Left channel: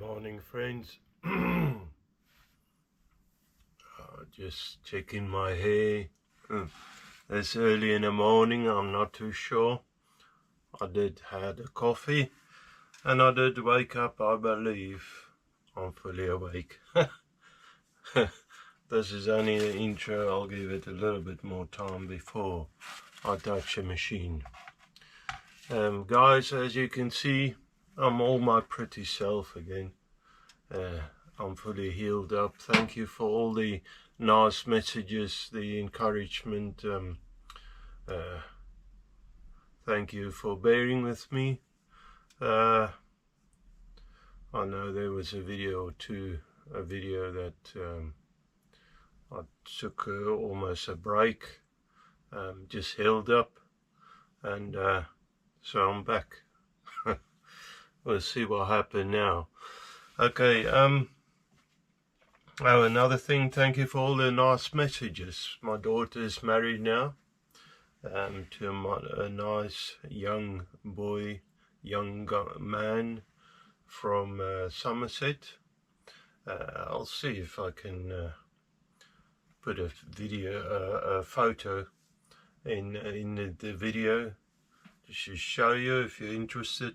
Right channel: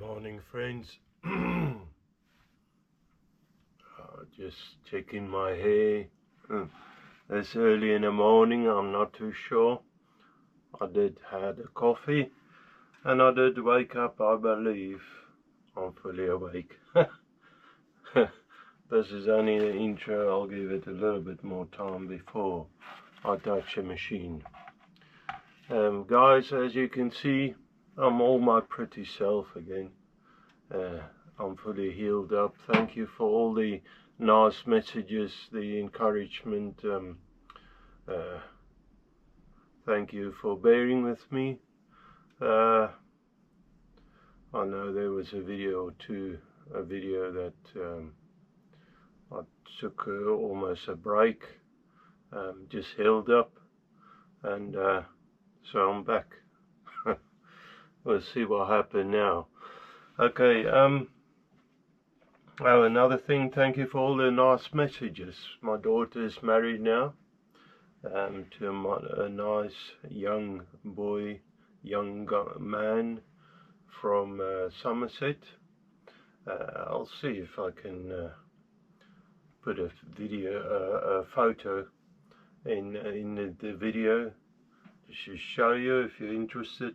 Morning, friends. Just checking my hair. It's early in the morning, I'm not too sure. I did had a coffee and I did wake up. I believe I'm fully awake. This is only the intro. I'll give it a little bit more time before I touch the machine. Guys, as you can see, I'm all my pretty self again. I'm fully healed up. Thank you for all the nice messages, the encouragement. Thank you for bearing with me. I know there was a video or two, a video that I took almost a break, just healed up, and so I'm back. We'll see what happened now. Okay, oh, another thing, thank you for all the nice messages. My daughter is married now to a nice young boy, young man from Somerset. I'll see if I can put a video, a photo in the video to show you if you're interested.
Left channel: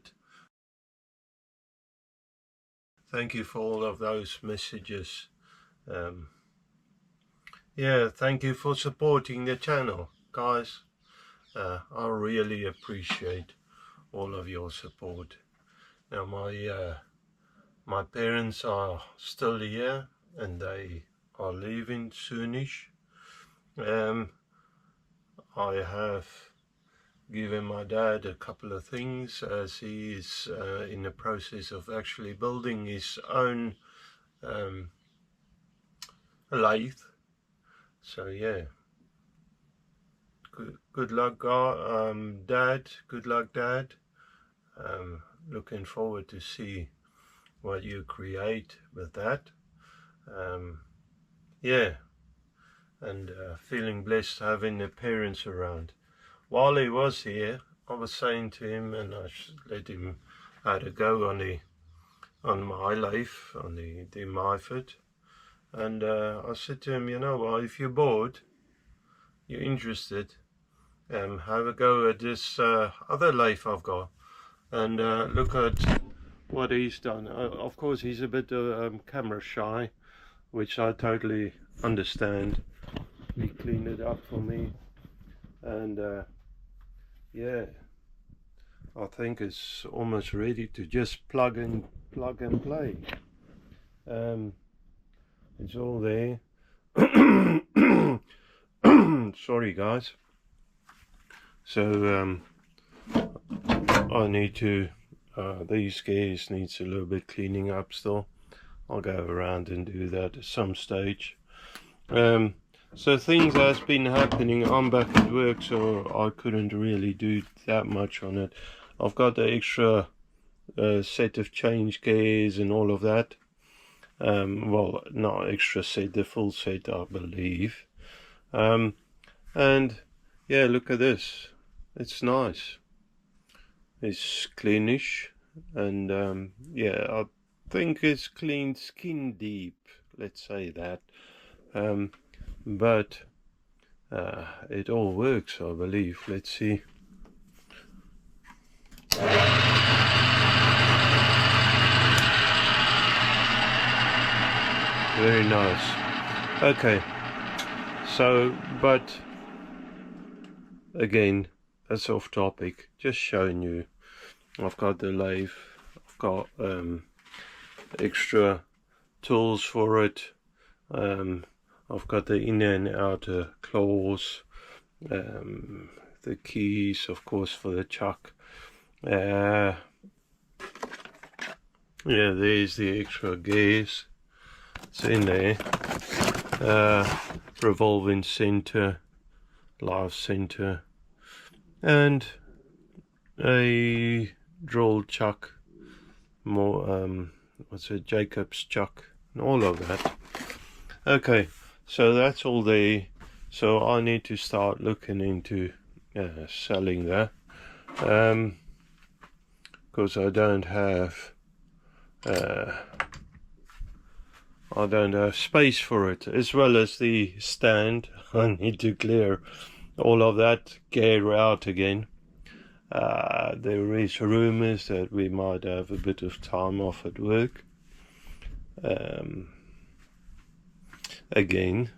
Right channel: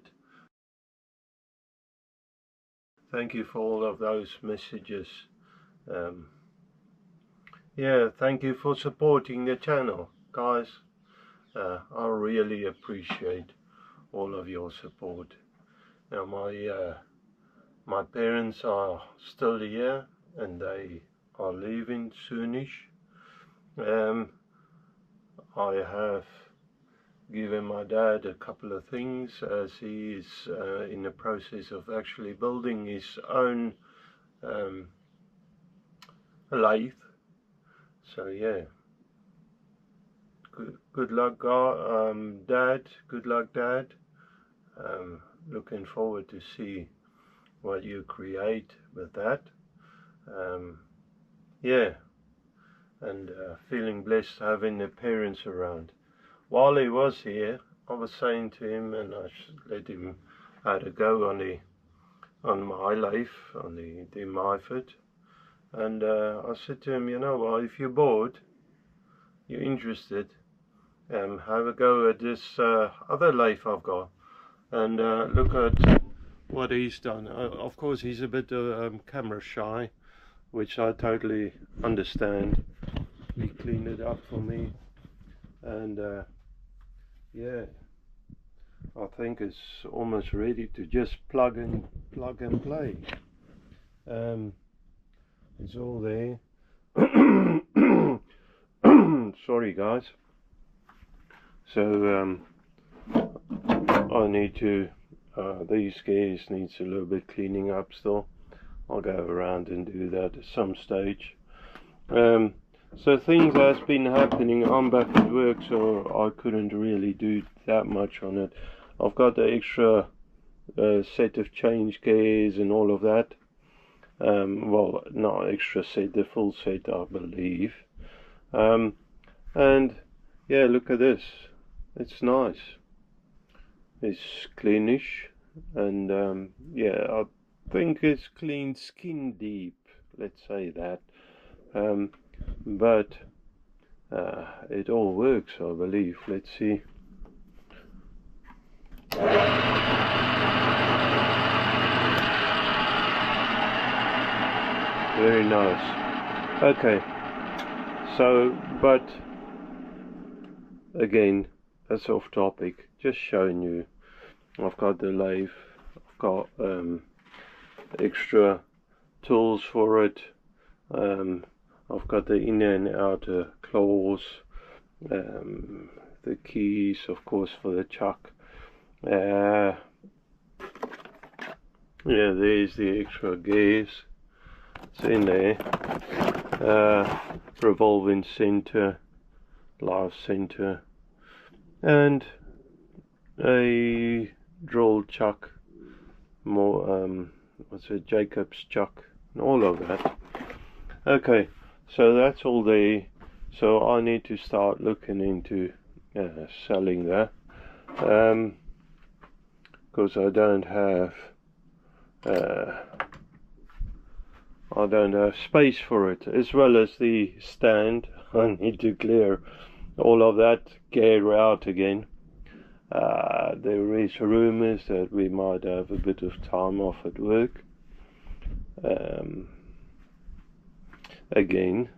Thank you for all of those messages. Yeah, thank you for supporting the channel, guys. I really appreciate all of your support. Now my parents are still here and they are leaving soonish. I have given my dad a couple of things as he is in the process of actually building his own lathe. So yeah, good luck, Dad. Good luck, Dad. Looking forward to see what you create with that. Yeah, and feeling blessed having the parents around. While he was here, I was saying to him, and I let him have a go on my life, on the Myford. And I said to him, you know what, if you're bored, you're interested, have a go at this other lathe I've got. And look at what he's done. Of course, he's a bit camera shy, which I totally understand. He cleaned it up for me. And yeah, I think it's almost ready to just plug and play. It's all there. Sorry, guys. So I need to. These gears needs a little bit cleaning up still. I'll go around and do that at some stage. So things has been happening. I'm back at work, so I couldn't really do that much on it. I've got the extra set of change gears and all of that. Well, not extra set, the full set, I believe. And yeah, look at this. It's nice. It's cleanish, and yeah, I think it's clean skin deep. Let's say that. But it all works, I believe. Let's see. Very nice. Okay, so, but again, that's off topic. Just showing you. I've got the lathe. I've got extra tools for it. I've got the inner and outer claws, the keys, of course, for the chuck. Yeah, there's the extra gears. It's in there. Revolving center, live center, and a drill chuck. More what's it? Jacob's chuck, and all of that. Okay. So that's all there. So I need to start looking into selling that, because I don't have I don't have space for it, as well as the stand. I need to clear all of that gear out again. There is rumours that we might have a bit of time off at work. Again,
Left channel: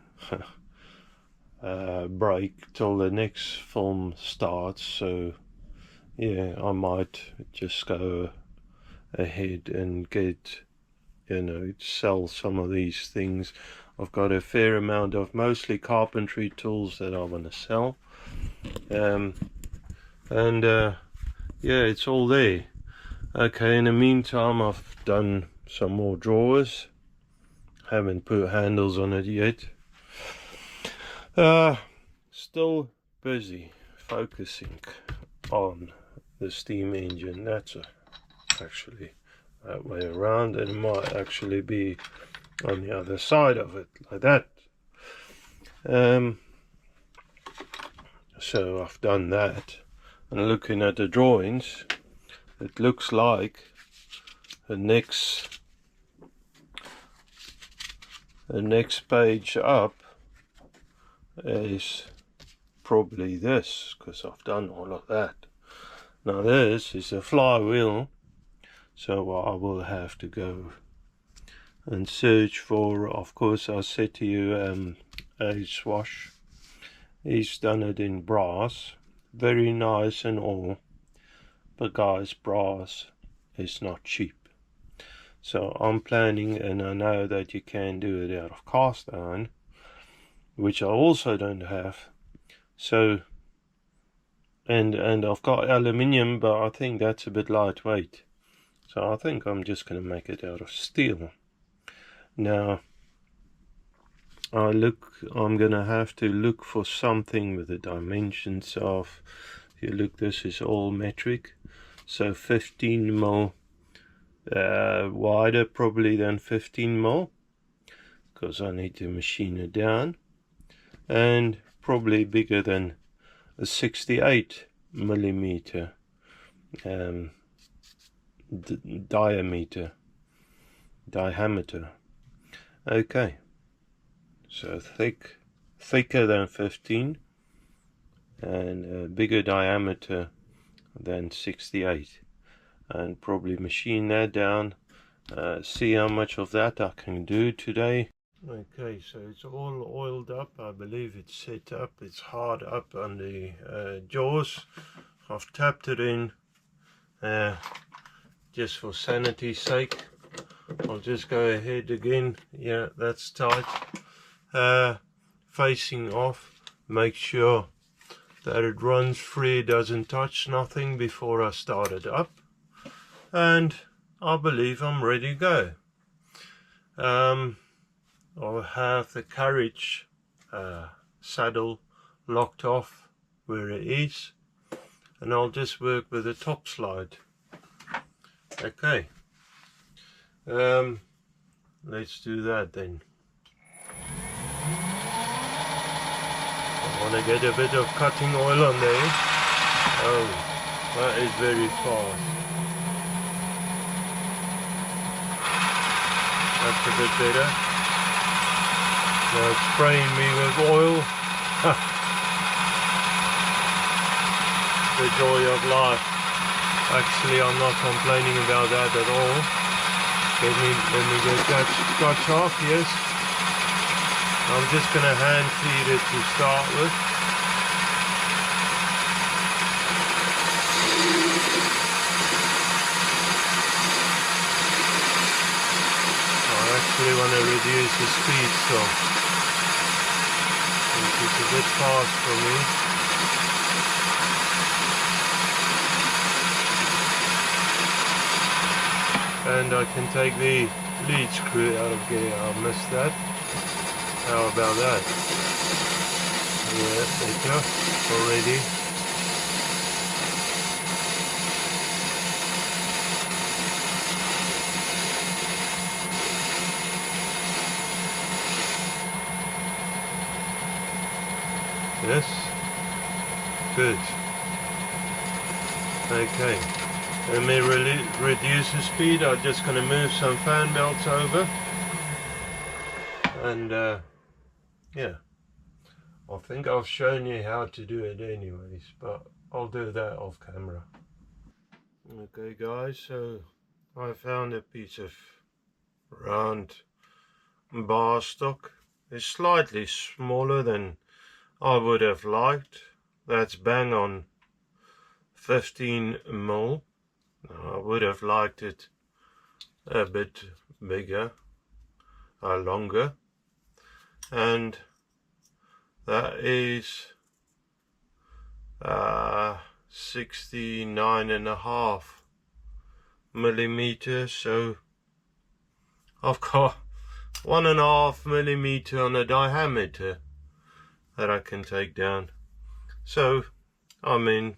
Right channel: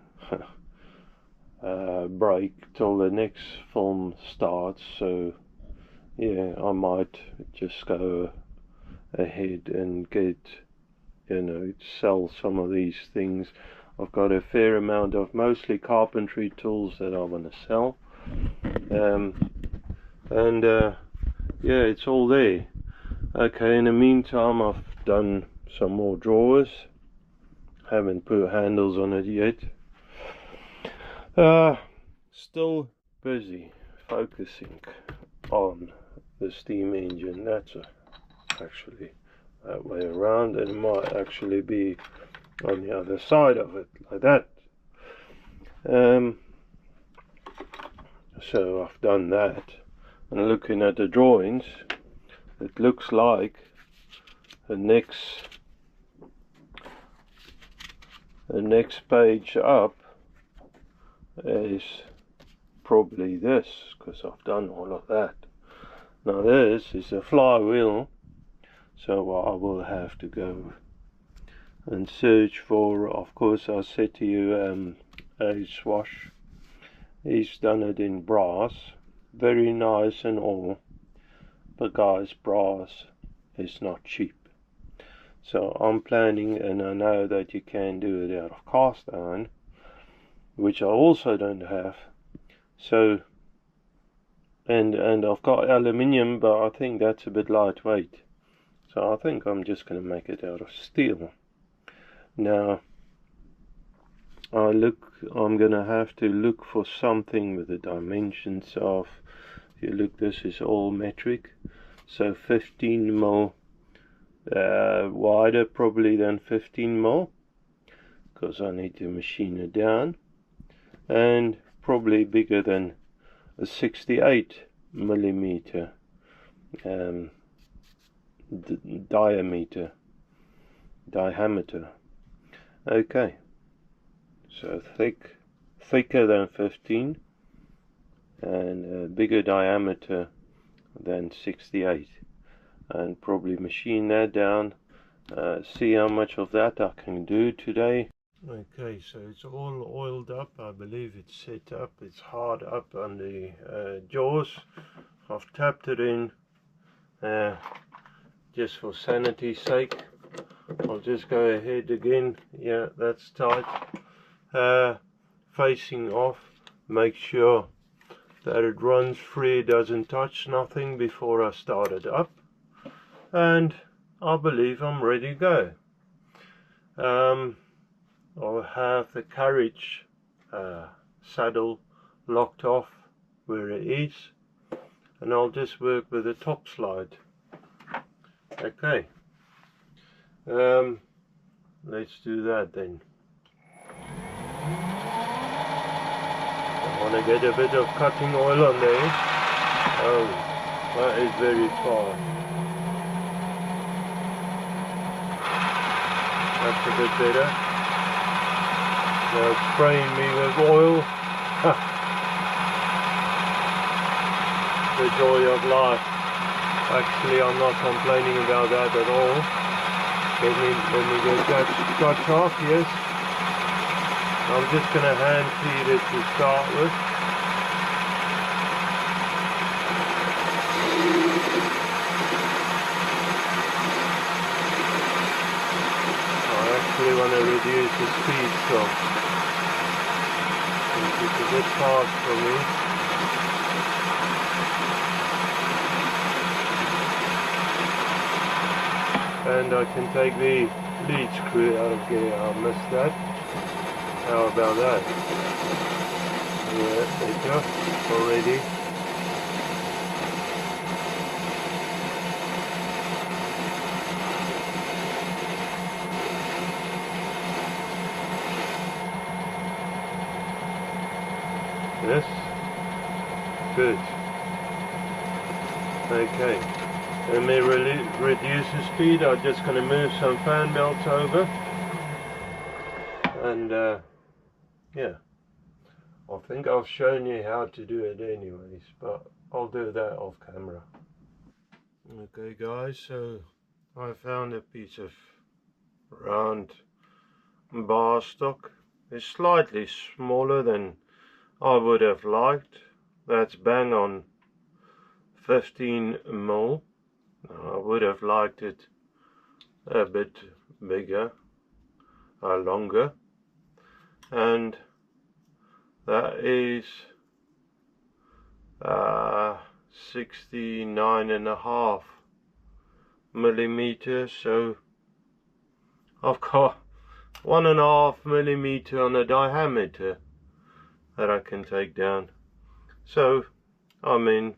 break till the next film starts, so yeah, I might just go ahead and get, sell some of these things. I've got a fair amount of mostly carpentry tools that I want to sell, yeah, it's all there. Okay, in the meantime, I've done some more drawers. Haven't put handles on it yet. Still busy focusing on the steam engine. That's actually that way around, and it might actually be on the other side of it, like that. So I've done that, and looking at the drawings, it looks like the next page up is probably this, because I've done all of that. Now this is a flywheel, so I will have to go and search for, of course, I said to you, a swash. He's done it in brass, very nice and all, but guys, brass is not cheap. So I'm planning, and I know that you can do it out of cast iron, which I also don't have. So, and I've got aluminium, but I think that's a bit lightweight. So I think I'm just going to make it out of steel. Now, I'm going to have to look for something with the dimensions of, if you look, this is all metric. So 15 mil wider probably than 15 mil, because I need to machine it down, and probably bigger than a 68 millimeter diameter. Okay, so thicker than 15 and a bigger diameter than 68, and probably machine that down, see how much of that I can do today. Okay, so it's all oiled up. I believe it's set up, it's hard up on the jaws. I've tapped it in just for sanity's sake. I'll just go ahead again. Yeah, that's tight. Facing off, make sure that it runs free, doesn't touch nothing before I start it up, and I believe I'm ready to go. I'll have the carriage saddle locked off where it is, and I'll just work with the top slide. Okay, let's do that then. I want to get a bit of cutting oil on there. Oh, that is very fast. That's a bit better. Now it's spraying me with oil. The joy of life. Actually, I'm not complaining about that at all. Let me get that scotch off, yes. I'm just going to hand feed it to start with. I actually want to reduce the speed, so it's a bit fast for me. And I can take the lead screw out of gear. I missed that. How about that? Yeah, better already. Yes. Good. Okay. Let me reduce the speed. I'm just going to move some fan belts over. And yeah, I think I've shown you how to do it anyways, but I'll do that off camera. Okay guys, so I found a piece of round bar stock. It's slightly smaller than I would have liked. That's bang on 15mm. I would have liked it a bit bigger, longer, and that is 69.5mm. So I've got 1.5mm on the diameter that I can take down. So I mean,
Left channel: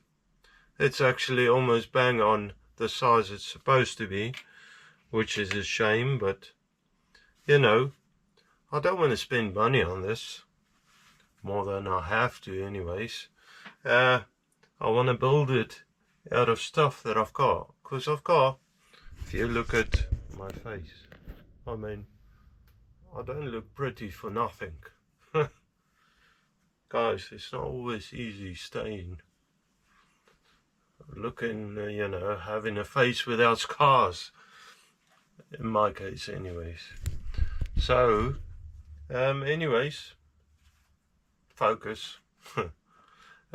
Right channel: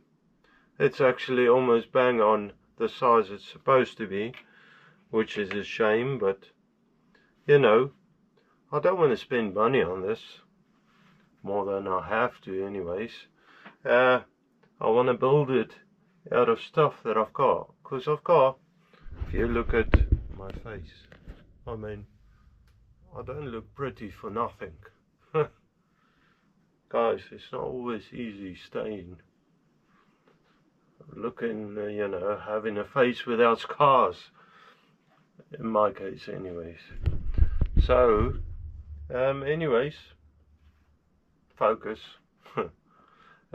it's actually almost bang on the size it's supposed to be, which is a shame, but you know, I don't want to spend money on this more than I have to anyways. I want to build it out of stuff that I've got, because I've got, if you look at my face, I mean, I don't look pretty for nothing. Guys, it's not always easy staying looking, you know, having a face without scars, in my case anyways. So anyways, focus.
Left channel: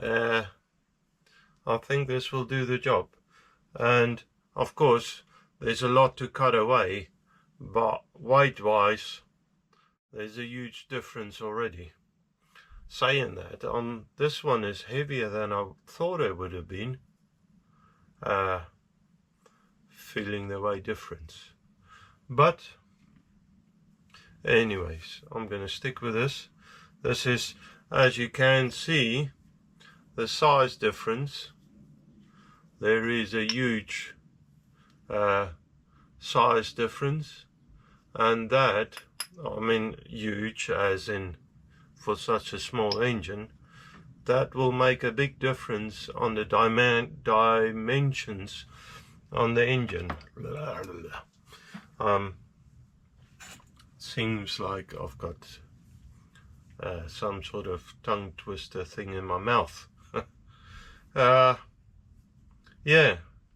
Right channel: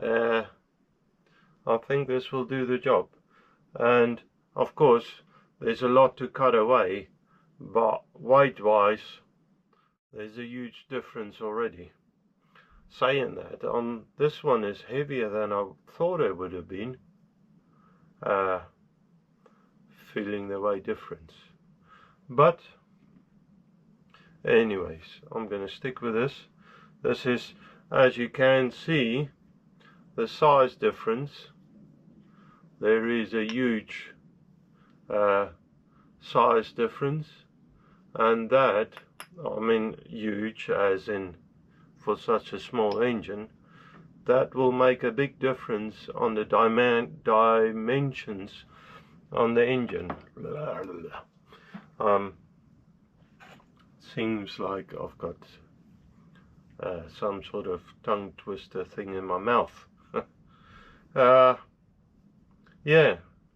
I think this will do the job, and of course there's a lot to cut away, but weight wise there's a huge difference already. Saying that, this one is heavier than I thought it would have been. Feeling the weight difference, but anyways, I'm gonna stick with this. This is, as you can see, the size difference. There is a huge size difference, and that, I mean huge as in for such a small engine, that will make a big difference on the dimensions on the engine. Seems like I've got some sort of tongue twister thing in my mouth. Yeah,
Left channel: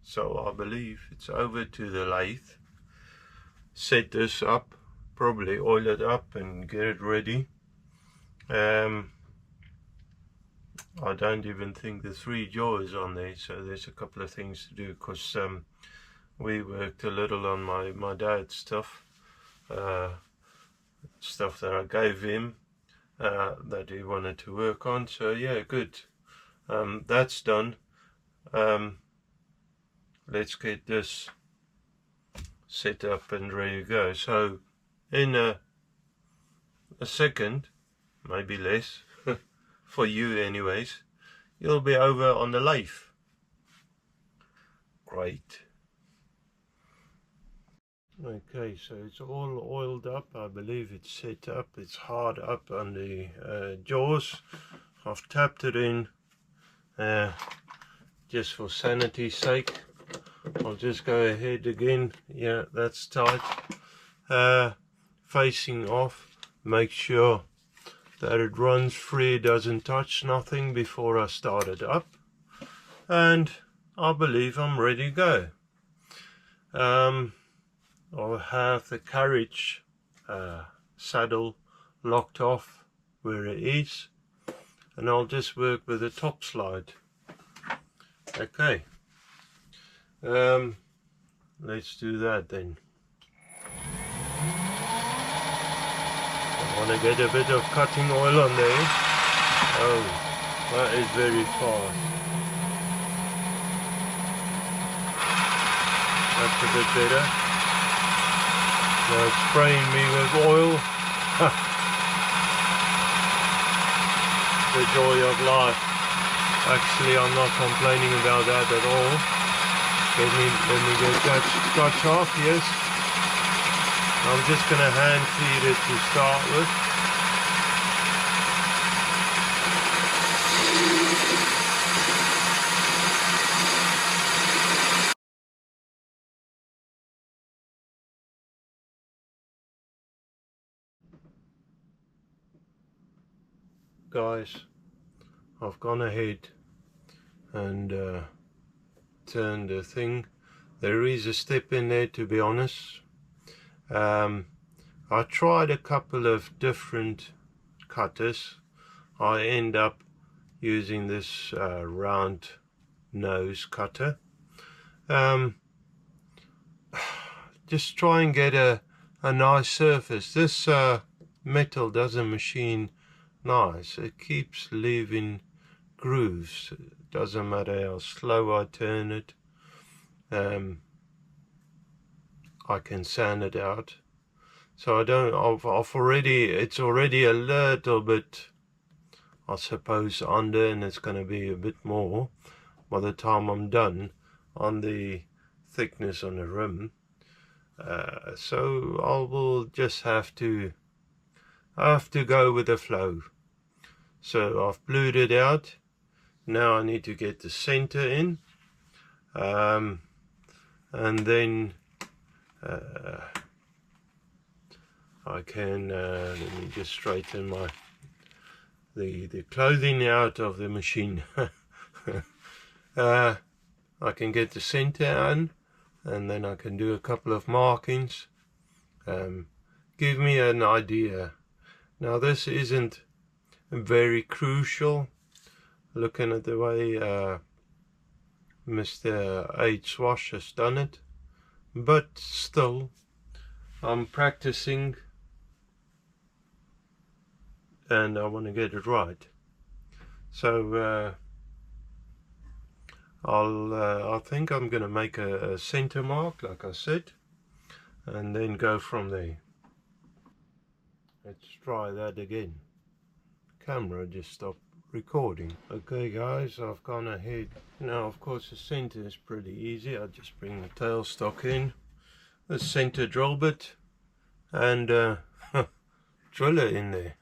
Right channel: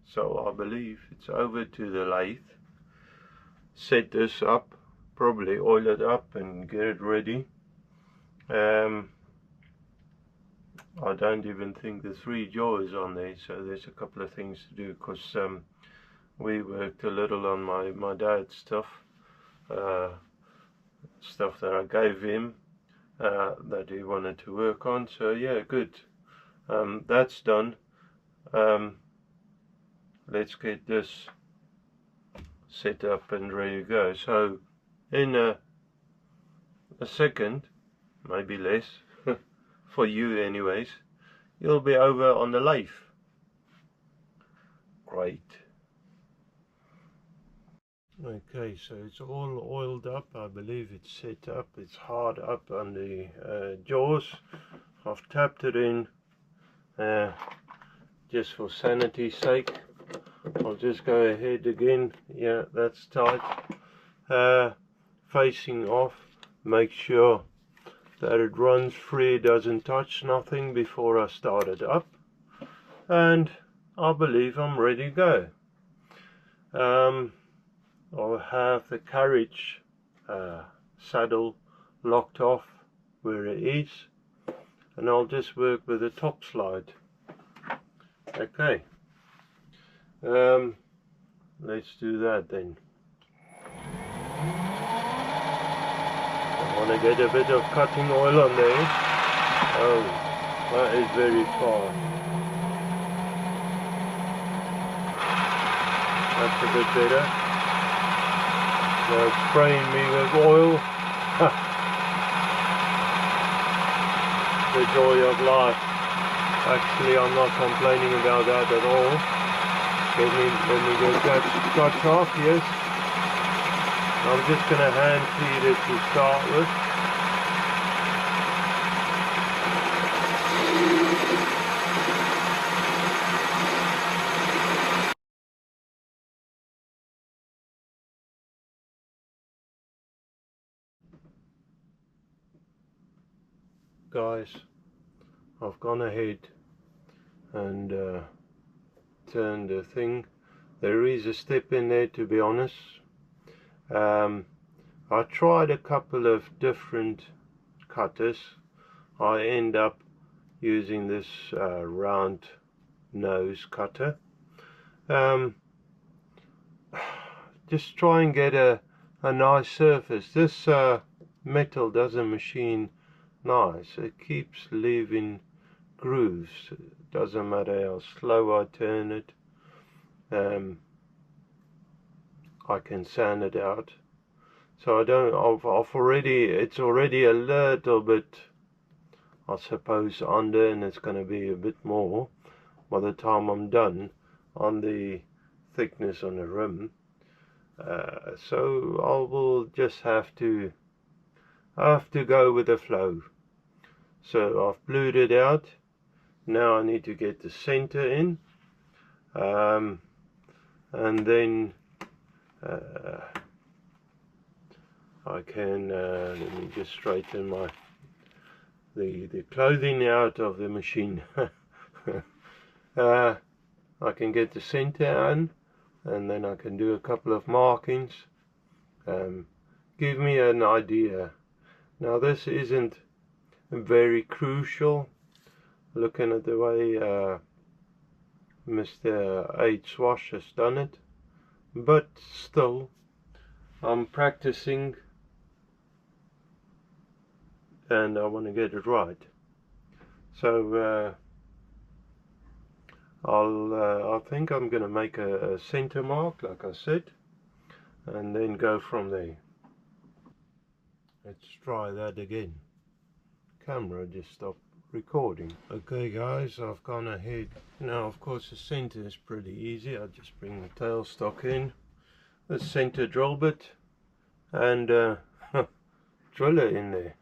so I believe it's over to the lathe. Set this up, probably oil it up and get it ready. I don't even think the 3 jaw is on there, so there's a couple of things to do, because we worked a little on my dad's stuff, stuff that I gave him that he wanted to work on. So yeah, good. That's done. Let's get this set up and ready to go. So in a second, maybe less, for you anyways, you'll be over on the lathe. Great. Okay, so it's all oiled up. I believe it's set up. It's hard up on the jaws. I've tapped it in just for sanity's sake. I'll just go ahead again. Yeah, that's tight. Facing off. Make sure that it runs free, doesn't touch nothing before I start it up, and I believe I'm ready to go. I'll have the carriage saddle locked off where it is, and I'll just work with the top slide. Okay, let's do that then. I want to get a bit of cutting oil on there. Oh, that is very far. That's a bit better. Now it's spraying me with oil. The joy of life. Actually, I'm not complaining about that at all. Let me get that scotch off, yes. I'm just going to hand feed it to start with. guys, I've gone ahead and turned the thing. There is a step in there, to be honest. I tried a couple of different cutters. I end up using this round nose cutter. Just try and get a nice surface. This metal doesn't machine nice. It keeps leaving grooves. It doesn't matter how slow I turn it. I can sand it out. So I don't, it's already a little bit, I suppose, under, and it's going to be a bit more by the time I'm done on the thickness on the rim. So I will just have to go with the flow. So I've blued it out. Now I need to get the center in, and then I can let me just straighten the clothing out of the machine. I can get the center in, and then I can do a couple of markings. Give me an idea. Now this isn't very crucial, looking at the way Mr. H. Swash has done it, but still I'm practicing and I want to get it right. So I think I'm going to make a center mark, like I said, and then go from there. Let's try that again. Camera just stopped recording. Okay guys, I've gone ahead. Now of course the center is pretty easy. I'll just bring the tailstock in, the center drill bit, and drill it in there.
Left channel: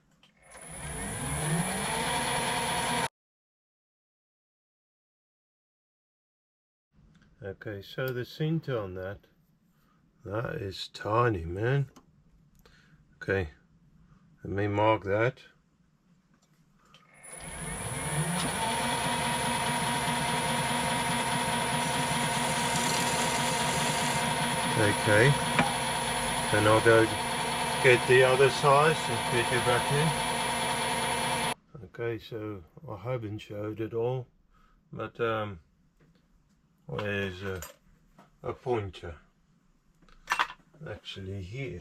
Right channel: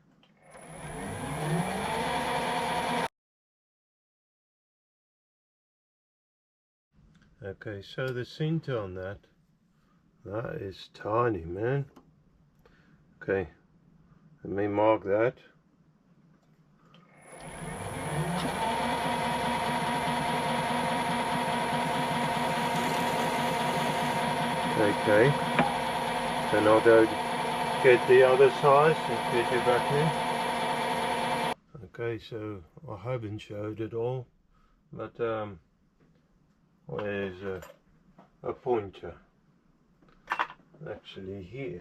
Okay, so the center on that is tiny, man. Okay, let me mark that. Okay, then I'll go get the other size and fit it back in. Okay, so I haven't showed it all, but where's a pointer? Actually here.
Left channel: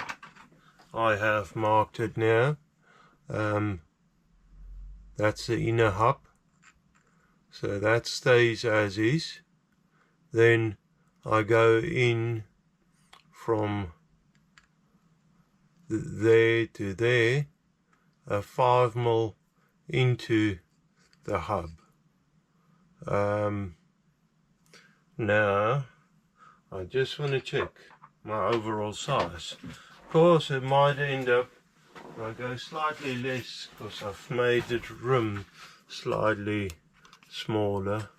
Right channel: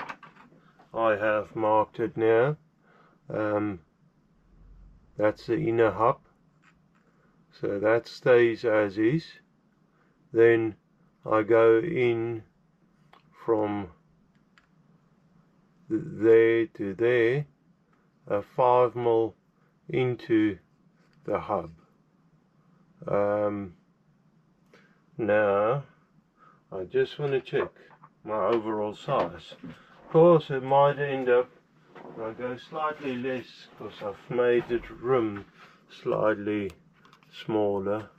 I have marked it now. That's the inner hub, so that stays as is. Then I go in from there to there, a 5mm into the hub. Now I just want to check my overall size. Of course it might end up, I go slightly less because I've made the rim slightly smaller.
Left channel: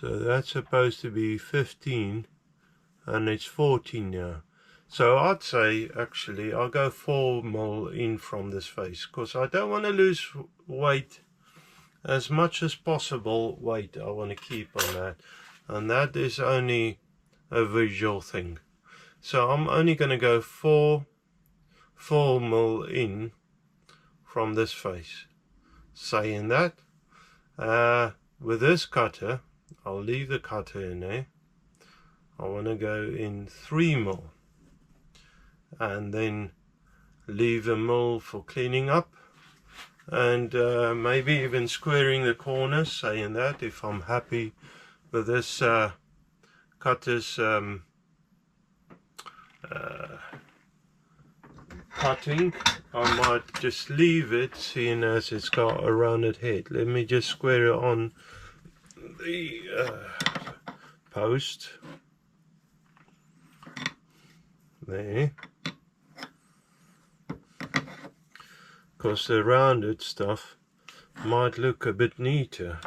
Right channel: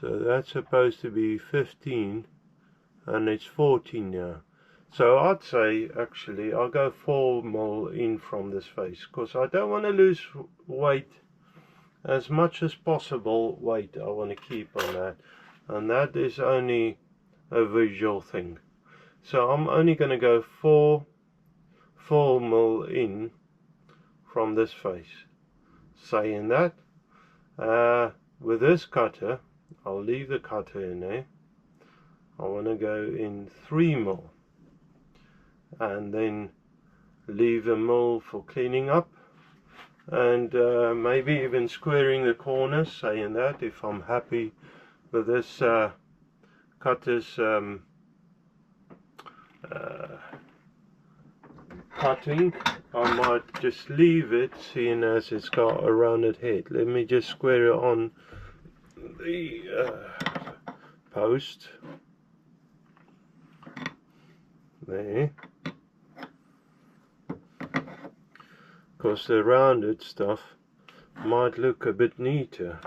So that's supposed to be 15 and it's 14 now. So I'd say actually I'll go 4mm in from this face because I don't want to lose weight. As much as possible weight I want to keep on that, and that is only a visual thing. So I'm only going to go 4mm in from this face. Saying that, with this cutter, I'll leave the cutter in there. I want to go in 3mm and then leave a mil for cleaning up, and maybe even squaring the corners, saying that if I'm happy with this cutter's cutting, I might just leave it, seeing as it's got a rounded head. Let me just square it on the post there, because the rounded stuff might look a bit neater.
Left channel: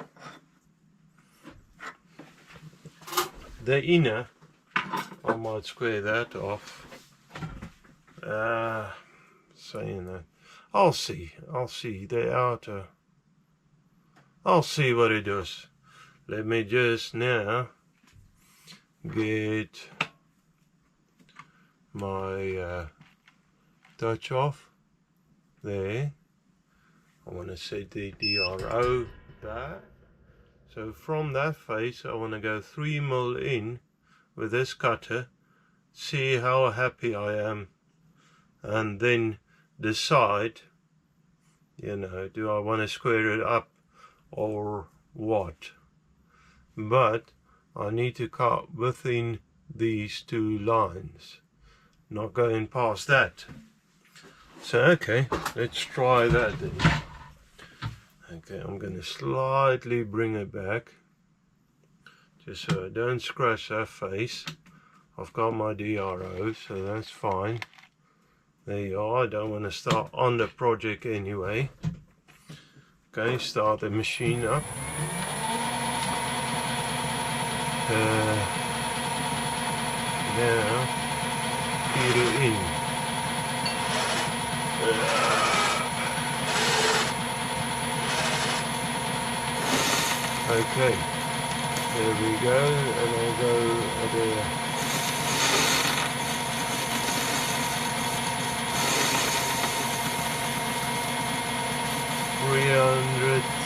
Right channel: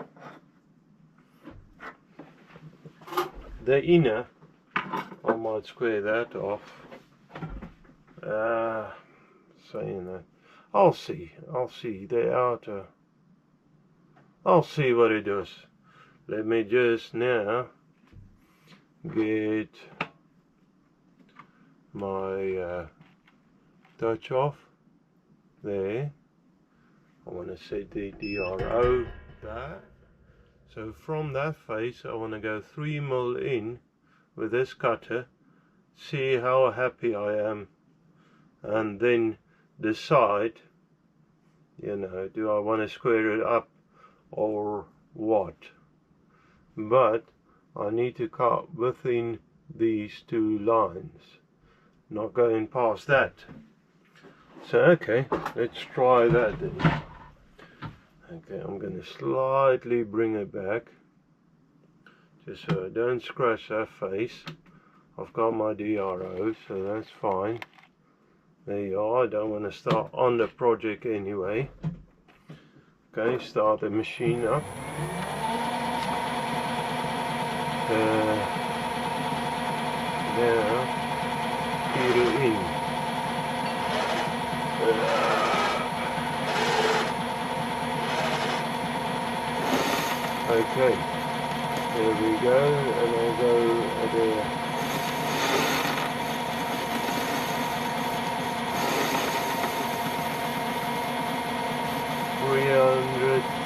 The inner, I might square that off. Saying that, I'll see the outer. I'll see what it does. Let me just now get my touch off there. I want to set the DRO there. So from that face I want to go 3mm in with this cutter, see how happy I am, and then decide, you know, do I want to square it up or what. But I need to cut within these two lines, not going past that. So okay, let's try that then. Okay, I'm going to slightly bring it back just so I don't scratch that face. I've got my DRO, so that's fine. There you are. I don't want to start on the project anyway. Okay, start the machine up. Now feed it in. Okay, there we go, and I'll go there.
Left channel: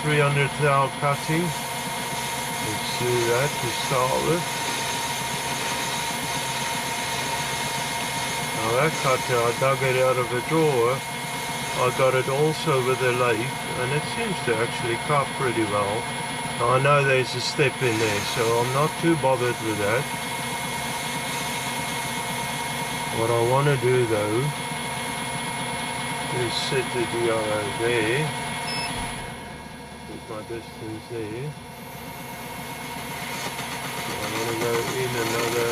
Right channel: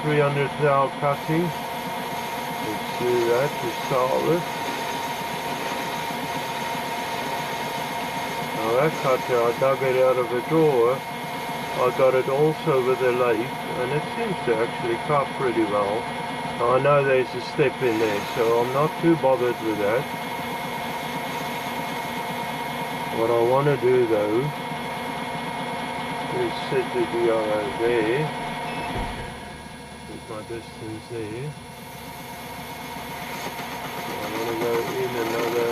300 thou cutting. Let's do that to start with. Now that cutter, I dug it out of a drawer. I got it also with a lathe, and it seems to actually cut pretty well. I know there's a step in there, so I'm not too bothered with that. What I want to do though is set the DRO there, with my distance there. So I want to go in another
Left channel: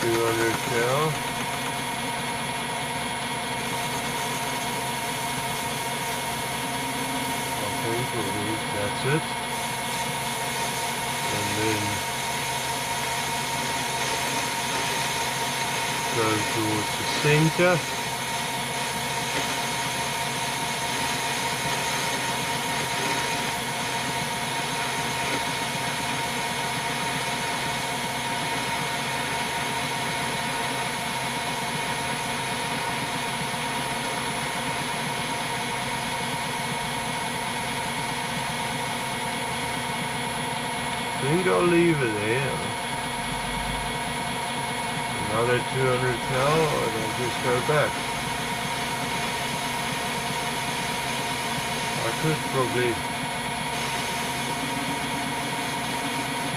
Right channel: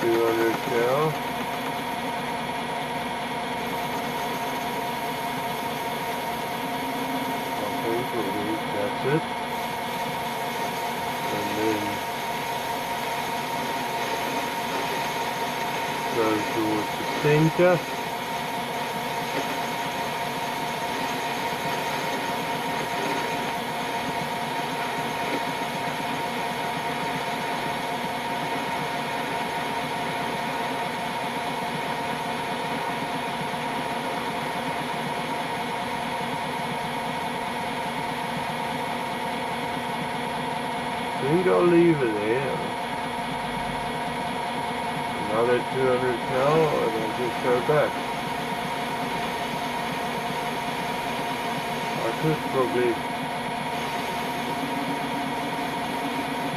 200 cal. That's it, and then go towards the center. I think I'll leave it there. Another 200 cal, and I'll just go back. I could probably,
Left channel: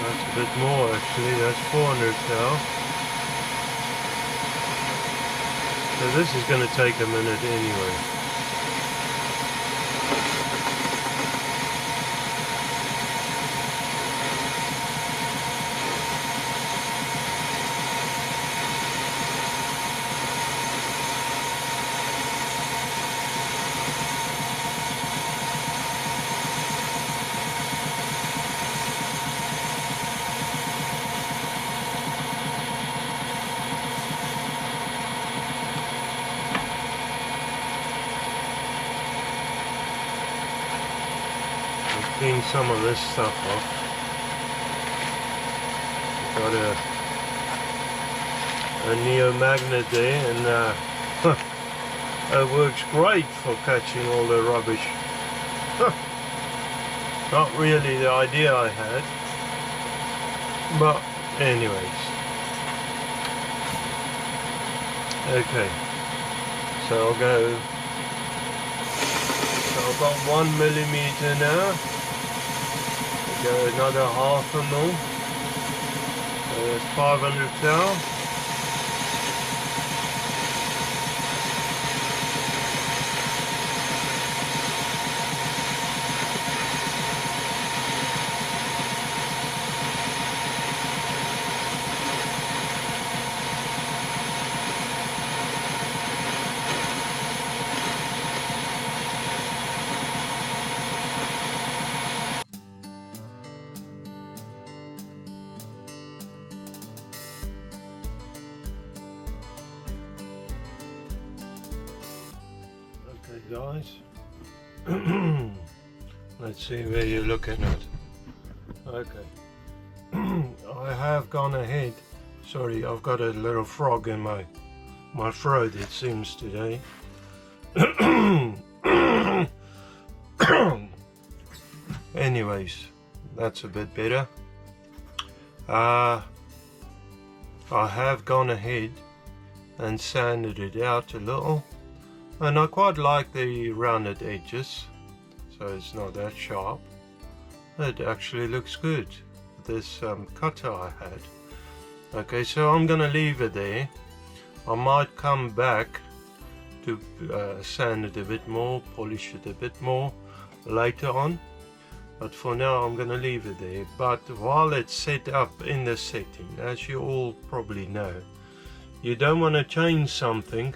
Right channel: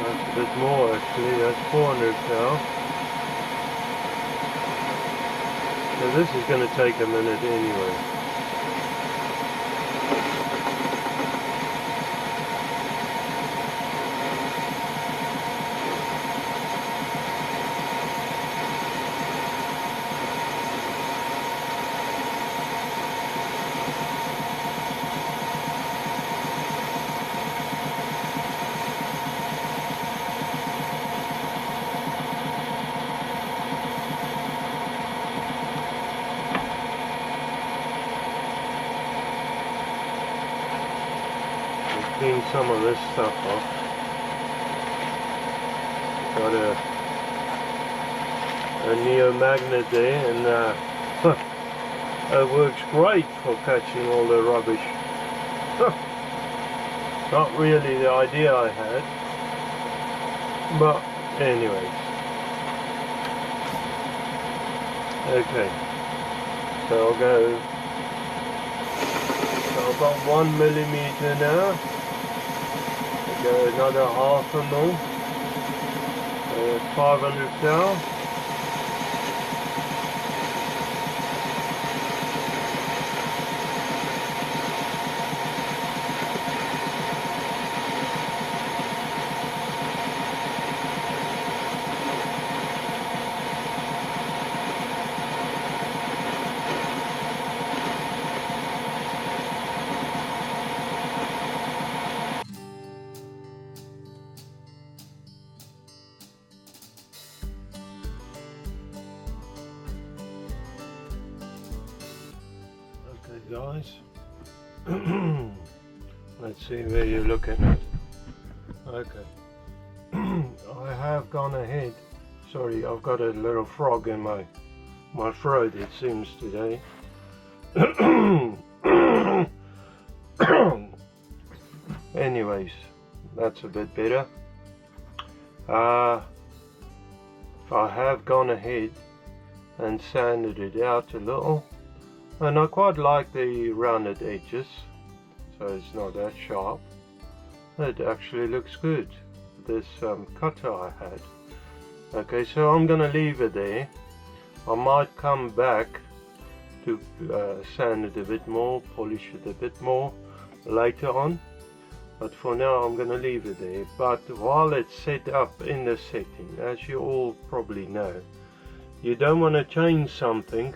that's a bit more actually, that's 400 cal. So this is going to take a minute anyway. Clean some of this stuff off. Got a neo magnet there, and it works great for catching all the rubbish. Not really the idea I had, but anyways. Okay, so I'll go. So I've got 1 millimeter now. Go another 1/2 mil. There's 500 cal. guys. Let's see where you're looking at. Okay. I have gone ahead. Sorry, I've got a little frog in my throat, it seems, today. Anyways, that's a bit better. I have gone ahead and sanded it out a little, and I quite like the rounded edges, so it's not that sharp. It actually looks good, this cutter I had. Okay, so I'm gonna leave it there. I might come back to sand it a bit more, polish it a bit more later on, but for now I'm gonna leave it there. But while it's set up in the setting, as you all probably know, you don't want to change something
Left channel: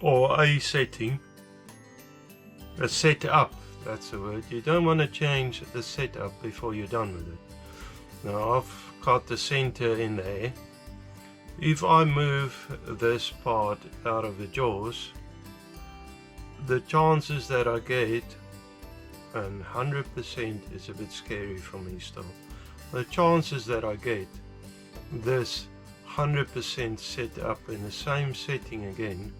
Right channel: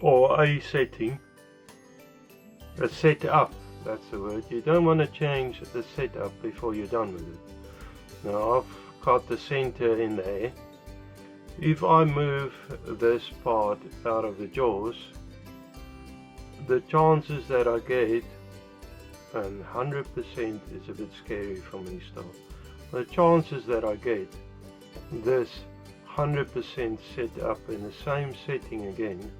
or a setting, a setup, that's the word. You don't want to change the setup before you're done with it. Now I've got the center in there. If I move this part out of the jaws, the chances that I get, and 100% is a bit scary for me still, the chances that I get this 100% set up in the same setting again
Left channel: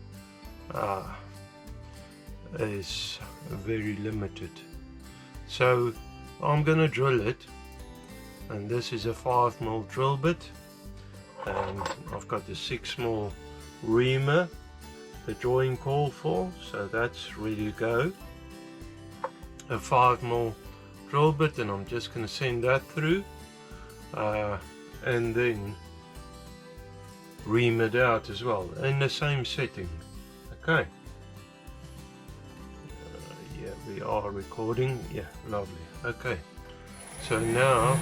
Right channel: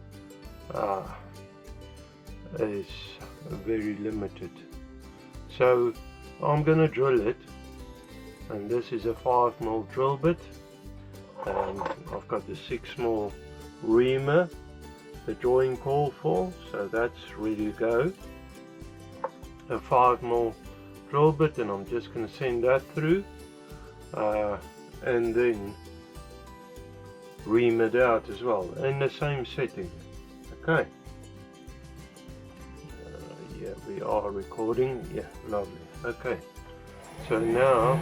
is very limited. So I'm gonna drill it, and this is a 5mm drill bit, and I've got the 6mm reamer the drawing called for, so that's ready to go. A 5mm drill bit, and I'm just going to send that through and then ream it out as well in the same setting. Okay, yeah, we are recording. Yeah, lovely. Okay, so now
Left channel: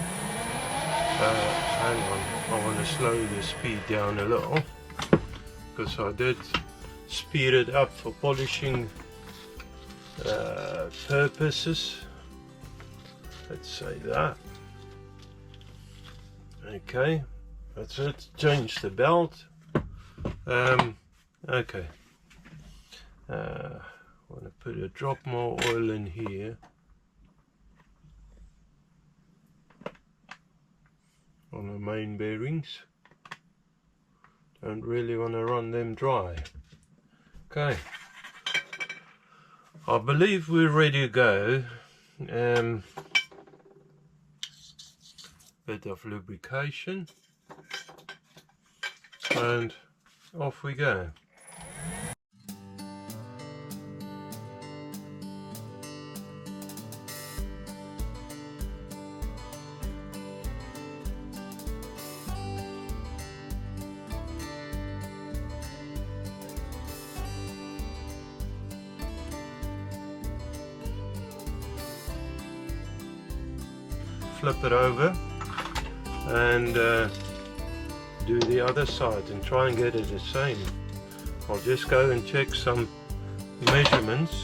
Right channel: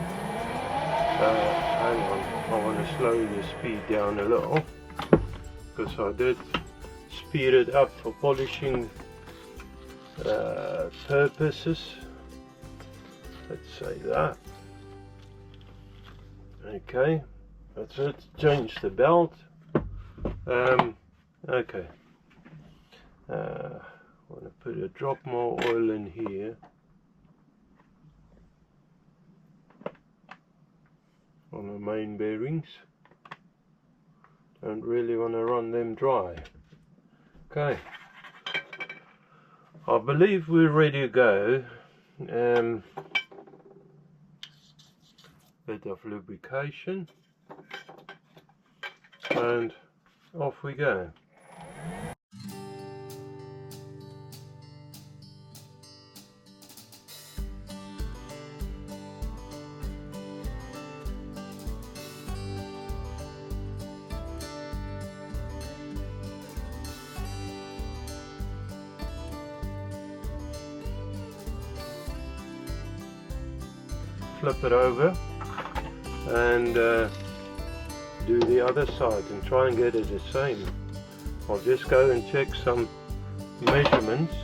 hang on, I want to slow the speed down a little because I did speed it up for polishing purposes, let's say that. Okay, that's it. Change the belt. Okay, I want to put a drop more oil in here. On the main bearings. Don't really want to run them dry. Okay, I believe we're ready to go. Bit of lubrication, and off we go. Flip it over and do the other side and try and get it the same. I'll just go and check some measurements.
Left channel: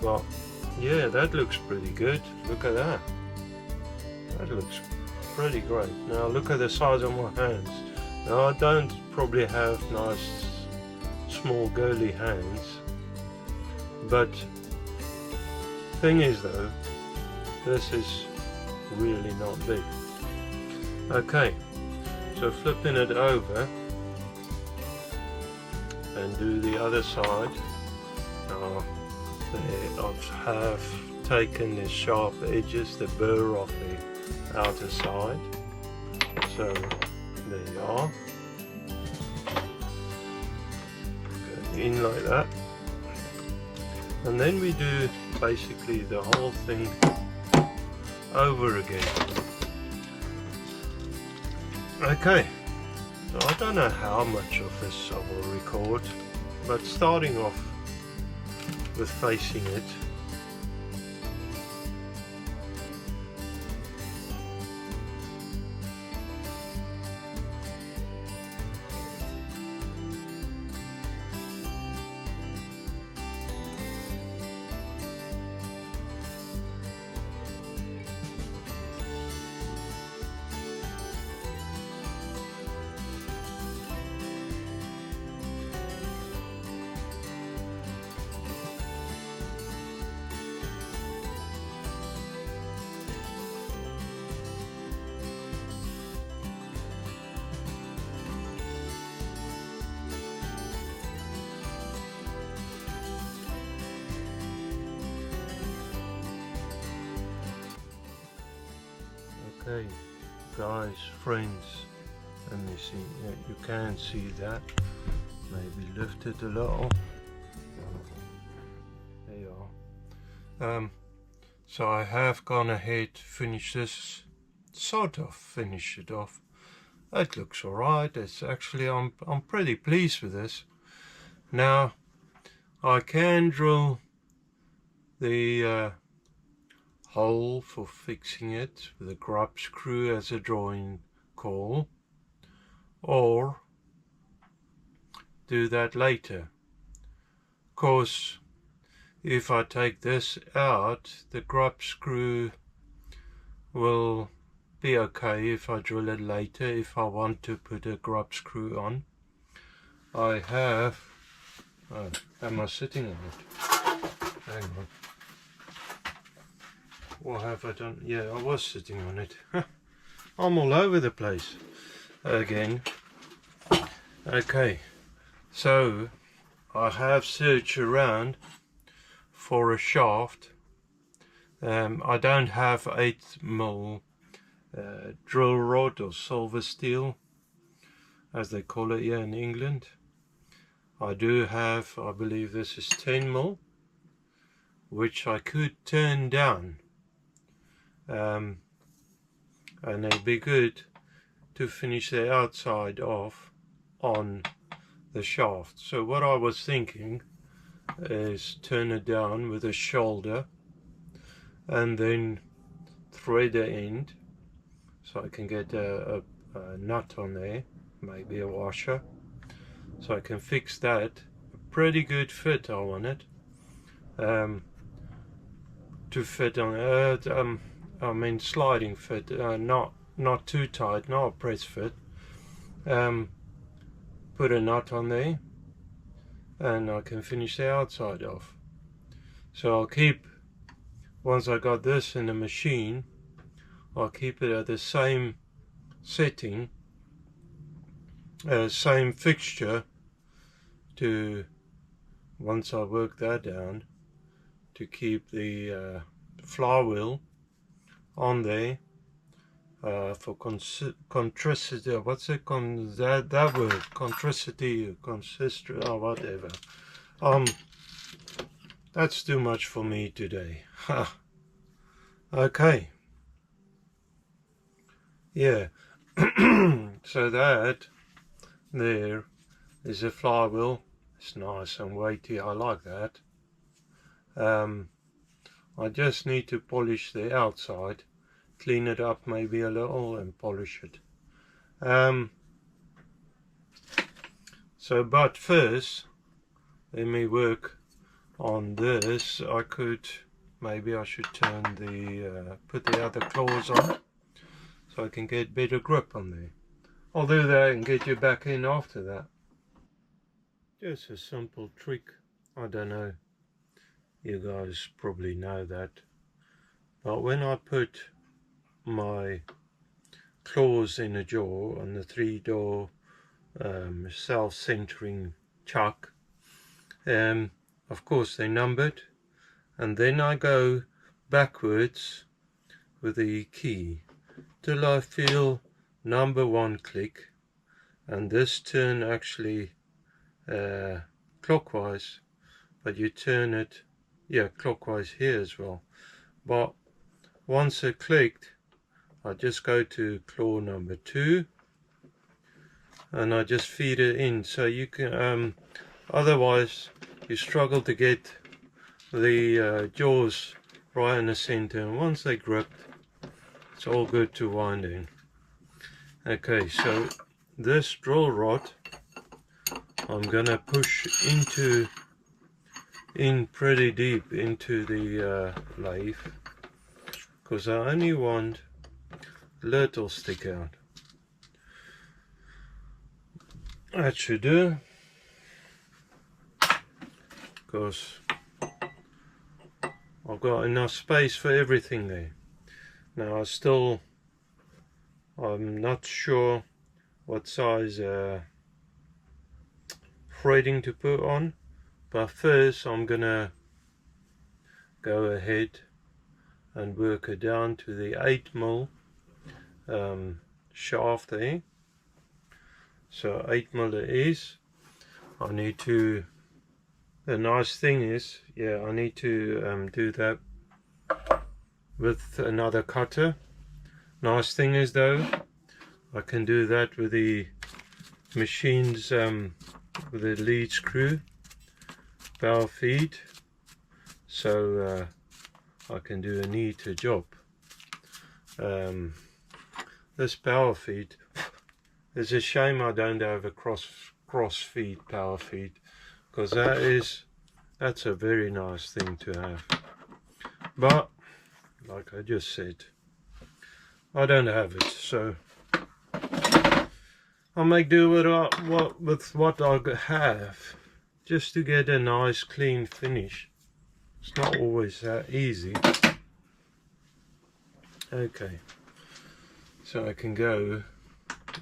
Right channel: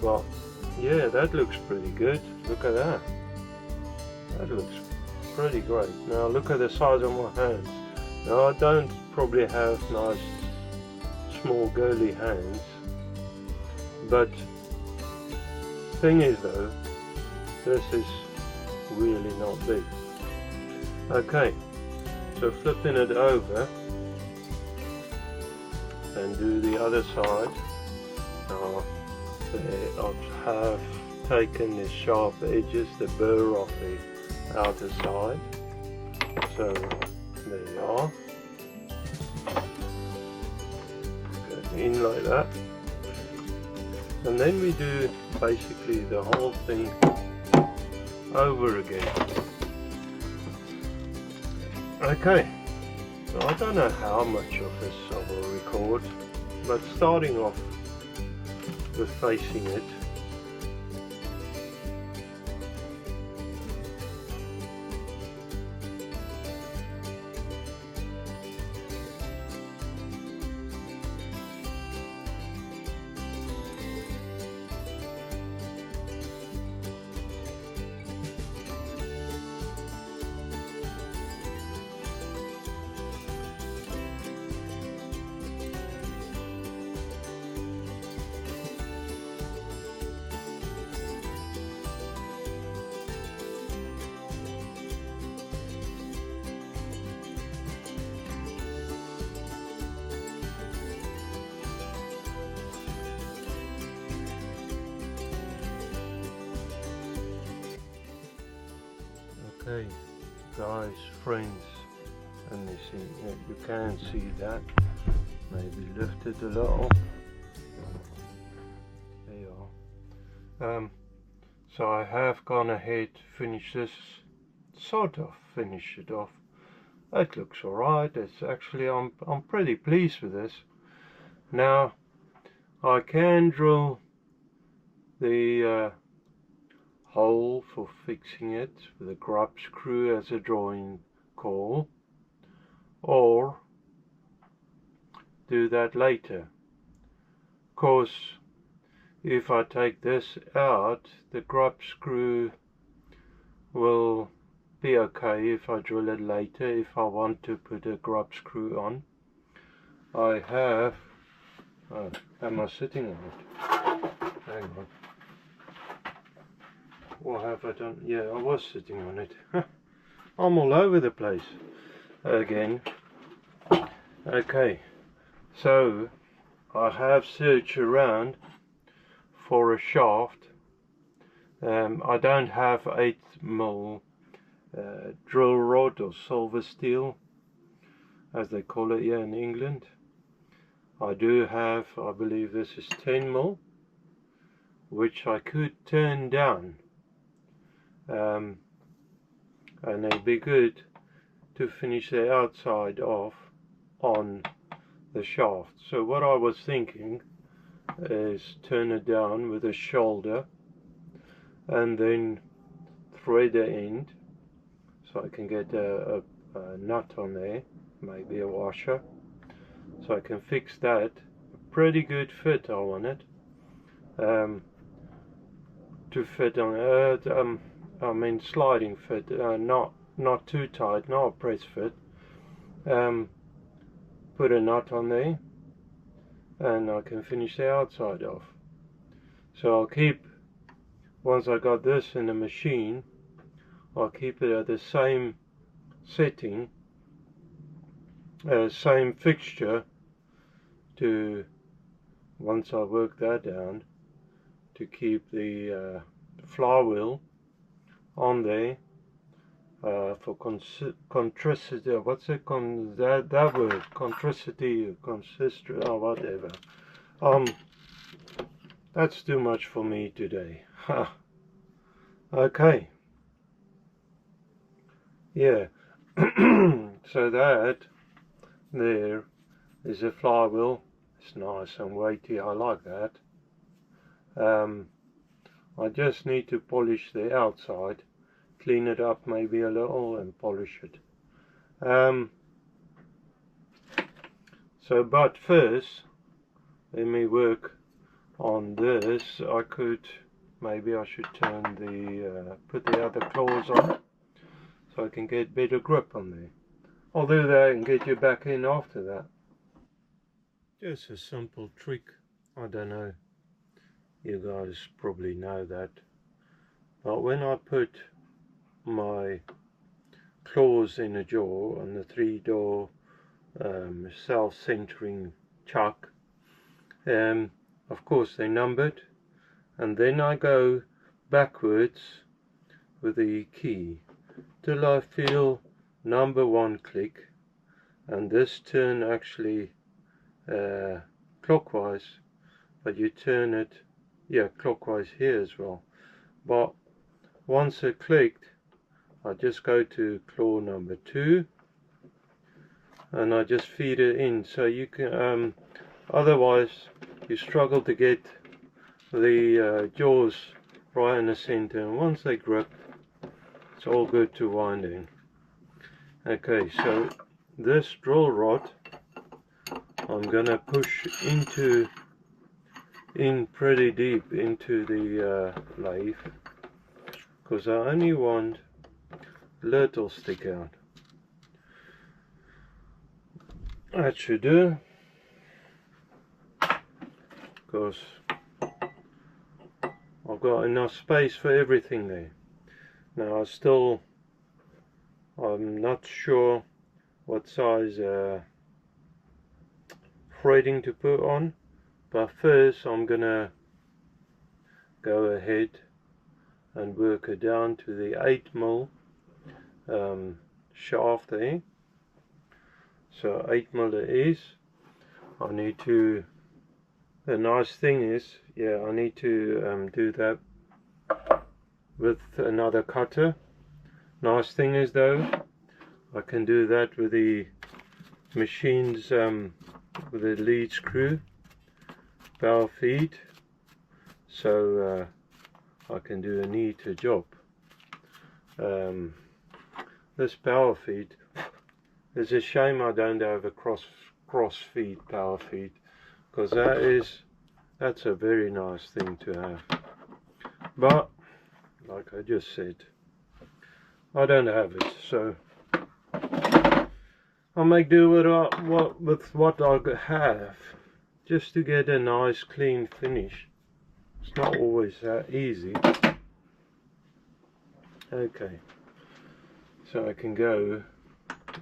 Well, yeah, that looks pretty good. Look at that. That looks pretty great. Now look at the size of my hands. Now I don't probably have nice small girly hands, but thing is though, this is really not big. Okay, so flipping it over and do the other side. Now I have taken the sharp edges, the burr off the outer side. So there you are. Go in like that. And then we do basically the whole thing over again. Okay, so I don't know how much of this I will record, but starting off with facing it, Okay, guys, friends, let me see. Yeah, you can see that. Maybe lift it a little. There you are. So I have gone ahead, finished this, sort of finished it off. It looks alright. It's actually, I'm pretty pleased with this. Now I can drill the hole for fixing it with a grub screw as a drawing call, or do that later. Of course, if I take this out, the grub screw will be okay if I drill it later, if I want to put a grub screw on. I have, oh, am I sitting on it? Hang on. What have I done? Yeah, I was sitting on it. I'm all over the place again. Okay, so I have searched around for a shaft. I don't have 8mm drill rod or silver steel, as they call it here in England. I do have, I believe this is 10mm, which I could turn down, and it'd be good to finish the outside off on the shaft. So what I was thinking is turn it down with a shoulder and then thread the end so I can get a nut on there, maybe a washer, so I can fix that. A pretty good fit I want it to fit on I mean sliding fit, not too tight, not a press fit. Put a nut on there and I can finish the outside off. So I'll keep, once I got this in the machine, I'll keep it at the same setting, same fixture, to, once I work that down, to keep the flywheel on there for contricity, what's it, that word, contricity, consistent, or whatever. That's too much for me today. Okay. Yeah. So that there is a flywheel. It's nice and weighty. I like that. I just need to polish the outside, clean it up maybe a little and polish it. So, but first, let me work on this. Maybe I should turn the, put the other claws on so I can get better grip on there. I'll do that and get you back in after that. Just a simple trick. I don't know, you guys probably know that, but when I put my claws in a jaw on the 3-door self-centering chuck, of course they're numbered, and then I go backwards with the key till I feel number 1 click, and this turn actually clockwise, but you turn it, yeah, clockwise here as well. But once it clicked, I just go to claw number 2 and I just feed it in, so you can otherwise you struggle to get the jaws right in the center, and once they grip, it's all good to wind in. Okay, so this drill rod I'm gonna push in pretty deep into the lathe, because I only want little stick out. That should do, because I've got enough space for everything there. Now I'm not sure what size threading to put on, but first I'm gonna go ahead and work it down to the 8mm shaft there. So 8mm it is. I need to, the nice thing is, yeah, I need to do that with another cutter. Nice thing is though, I can do that with the machines, with the lead screw, power feed, so I can do a neater job. This power feed, it's a shame I don't have a cross feed power feed, because that's a very nice thing to have. But like I just said, I don't have it, so I'll make do with what I have, just to get a nice clean finish. It's not always that easy. Okay, so I can go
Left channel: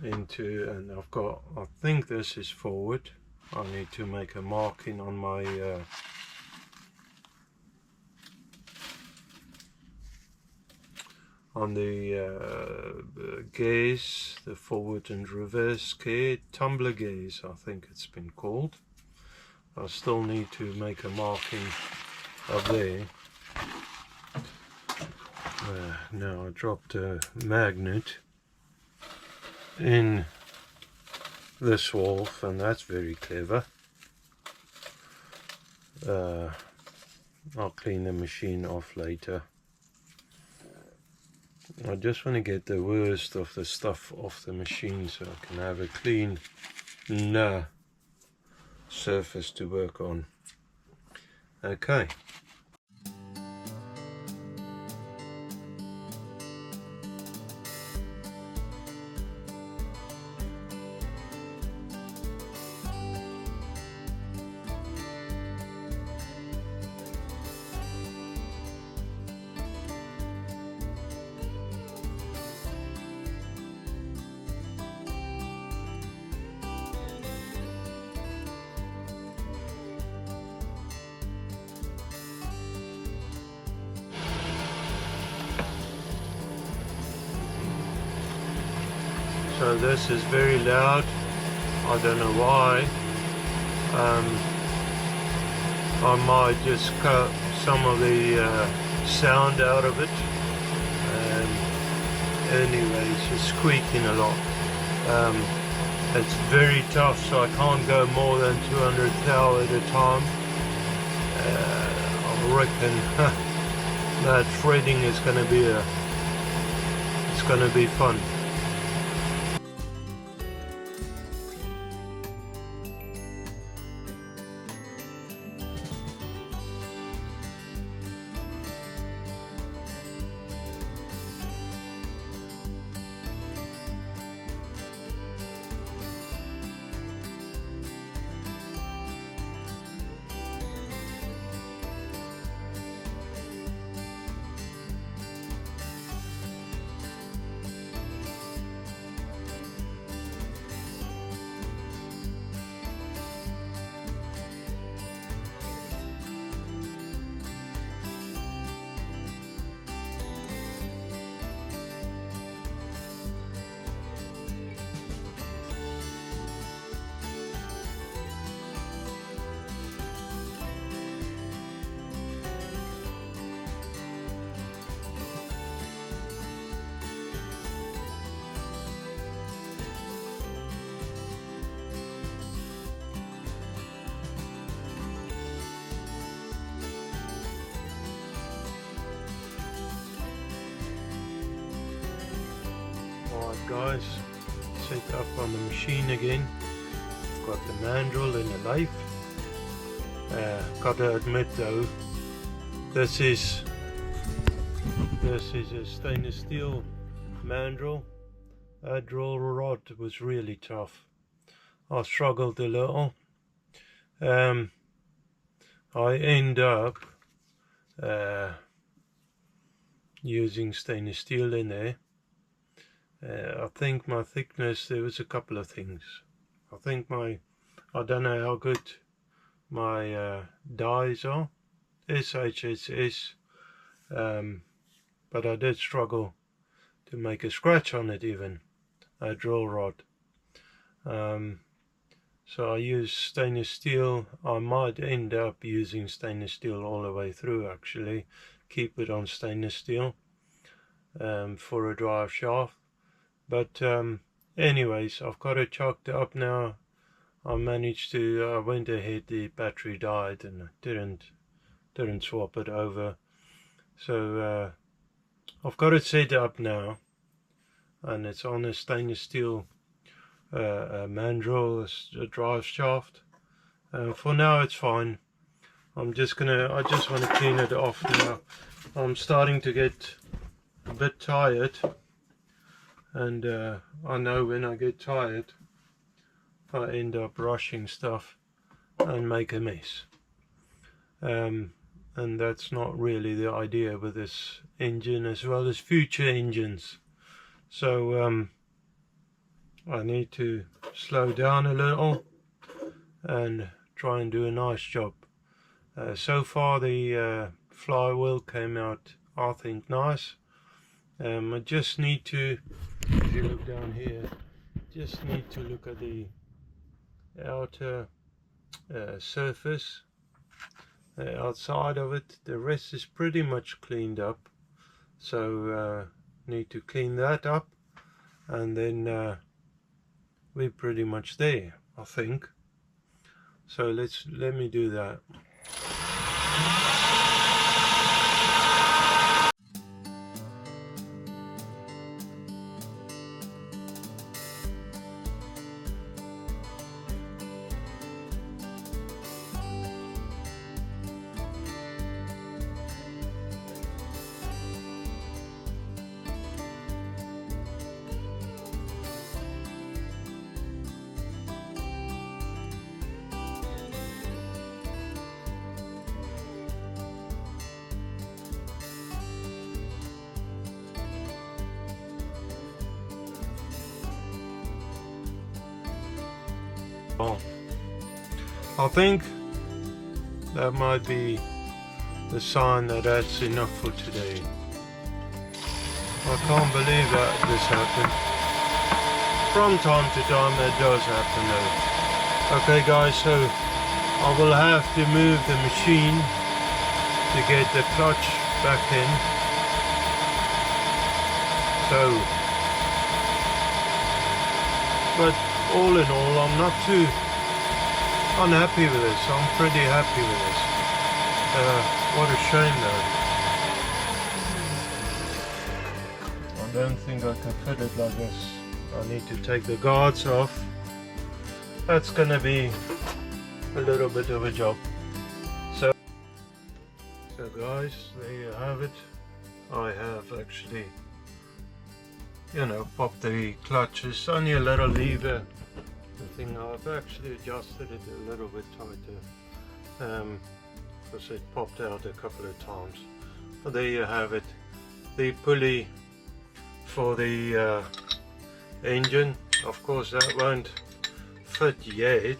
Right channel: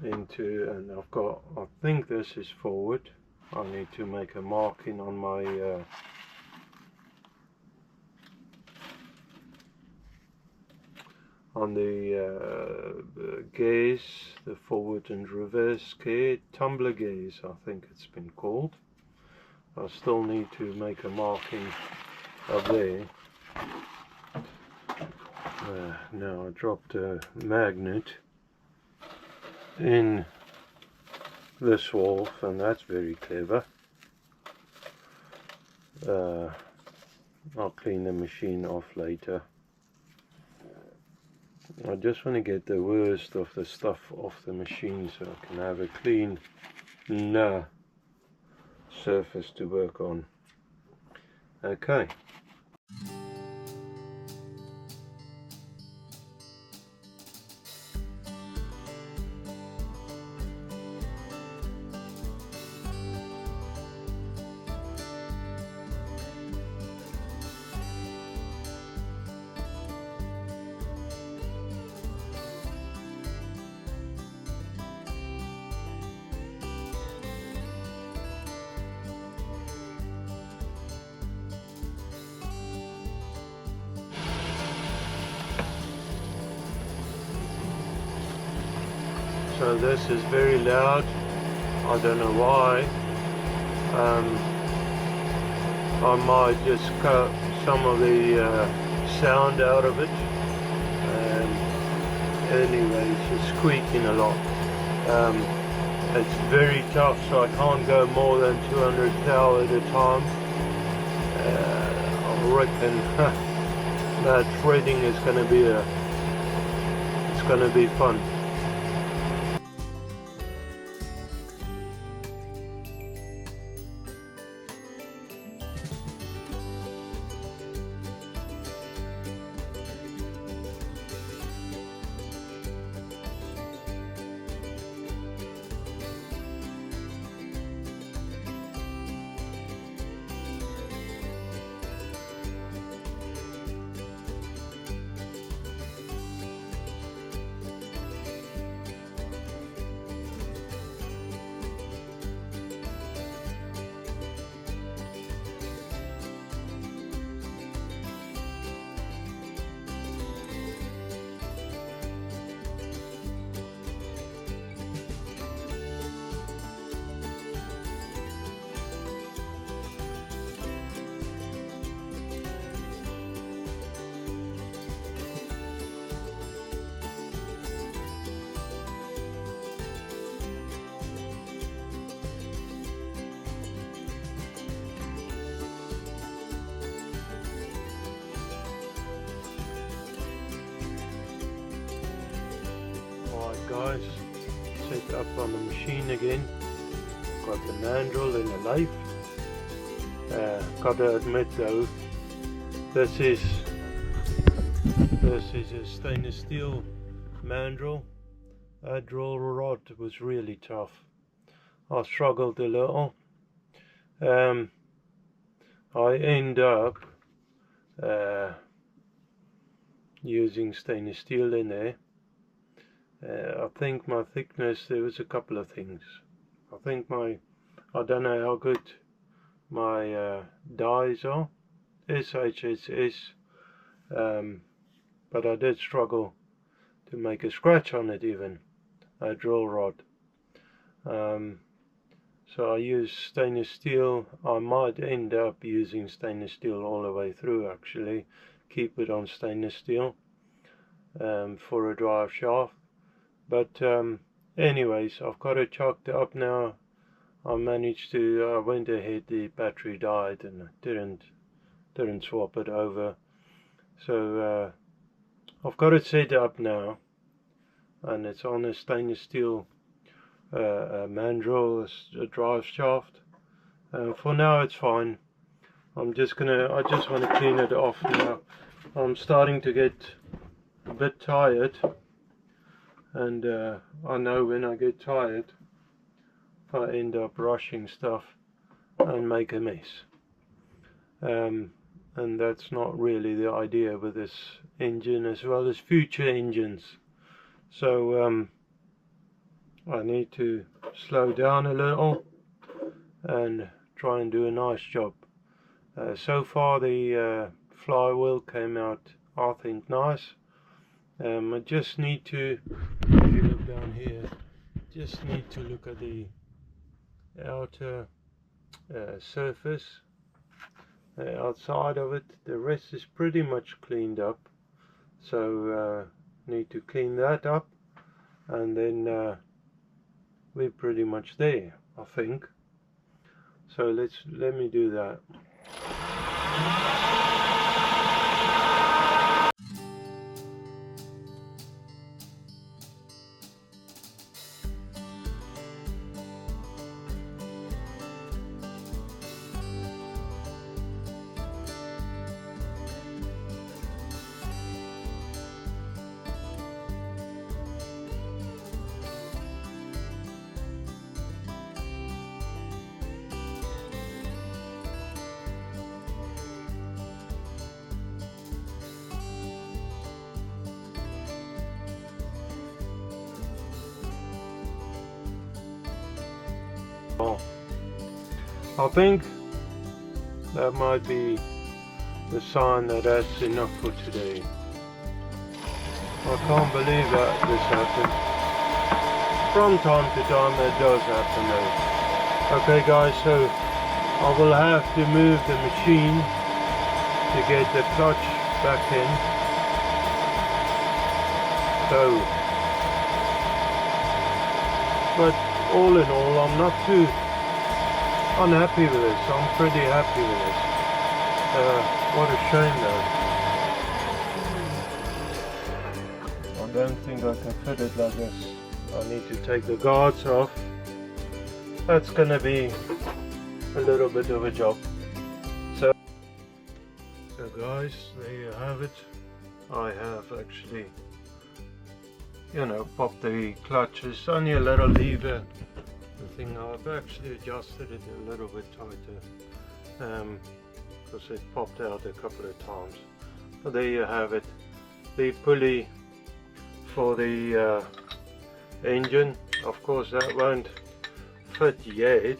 into, and I've got, I think this is forward. I need to make a marking on my on the gaze, the forward and reverse gear, tumbler gaze I think it's been called. I still need to make a marking up there. Now I dropped a magnet in this valve, and that's very clever. I'll clean the machine off later. I just want to get the worst of the stuff off the machine so I can have a clean surface to work on. Okay. So this is very loud, I don't know why. I might just cut some of the sound out of it. Anyway, it's just squeaking a lot. It's very tough, so I can't go more than 200 thou at a time. I reckon that threading is going to be it's going to be fun. Alright guys, set up on the machine again. Got the mandrel in the lathe. Gotta admit though, this is a stainless steel mandrel. That drill rod was really tough. I struggled a little. I end up using stainless steel in there. I think my thickness, there was a couple of things. I think I don't know how good my dies are, SHSS, but I did struggle to make a scratch on it, even a drill rod. So I use stainless steel. I might end up using stainless steel all the way through, actually. Keep it on stainless steel for a drive shaft. But anyways, I've got it chalked up now. I managed to, I went ahead, the battery died and I didn't swap it over. So I've got it set up now, and it's on a stainless steel mandrel, a drive shaft. For now it's fine. I just want to clean it off now. I'm starting to get a bit tired, and I know when I get tired I end up rushing stuff and make a mess, and that's not really the idea with this engine, as well as future engines. So I need to slow down a little and try and do a nice job. So far the flywheel came out, I think, nice. I just need to, if you look down here, just need to look at the outer surface, outside of it. The rest is pretty much cleaned up, so need to clean that up, and then we're pretty much there, I think. So let me do that. I think that might be the sign that that's enough for today. I can't believe that this happened. From time to time that does happen though. Okay guys, so I will have to move the machine to get the clutch back in. So, but all in all, I'm not too unhappy with this. I'm pretty happy with this. What a shame though. I don't think I can fit it like this. I need to take the guards off. That's gonna be a little bit of a job. So guys, there you have it. I have actually, you know, popped the clutches. Only a little lever. The thing, I've actually adjusted it a little bit tighter because it popped out a couple of times. But there you have it. The pulley for the engine. Of course that won't fit yet.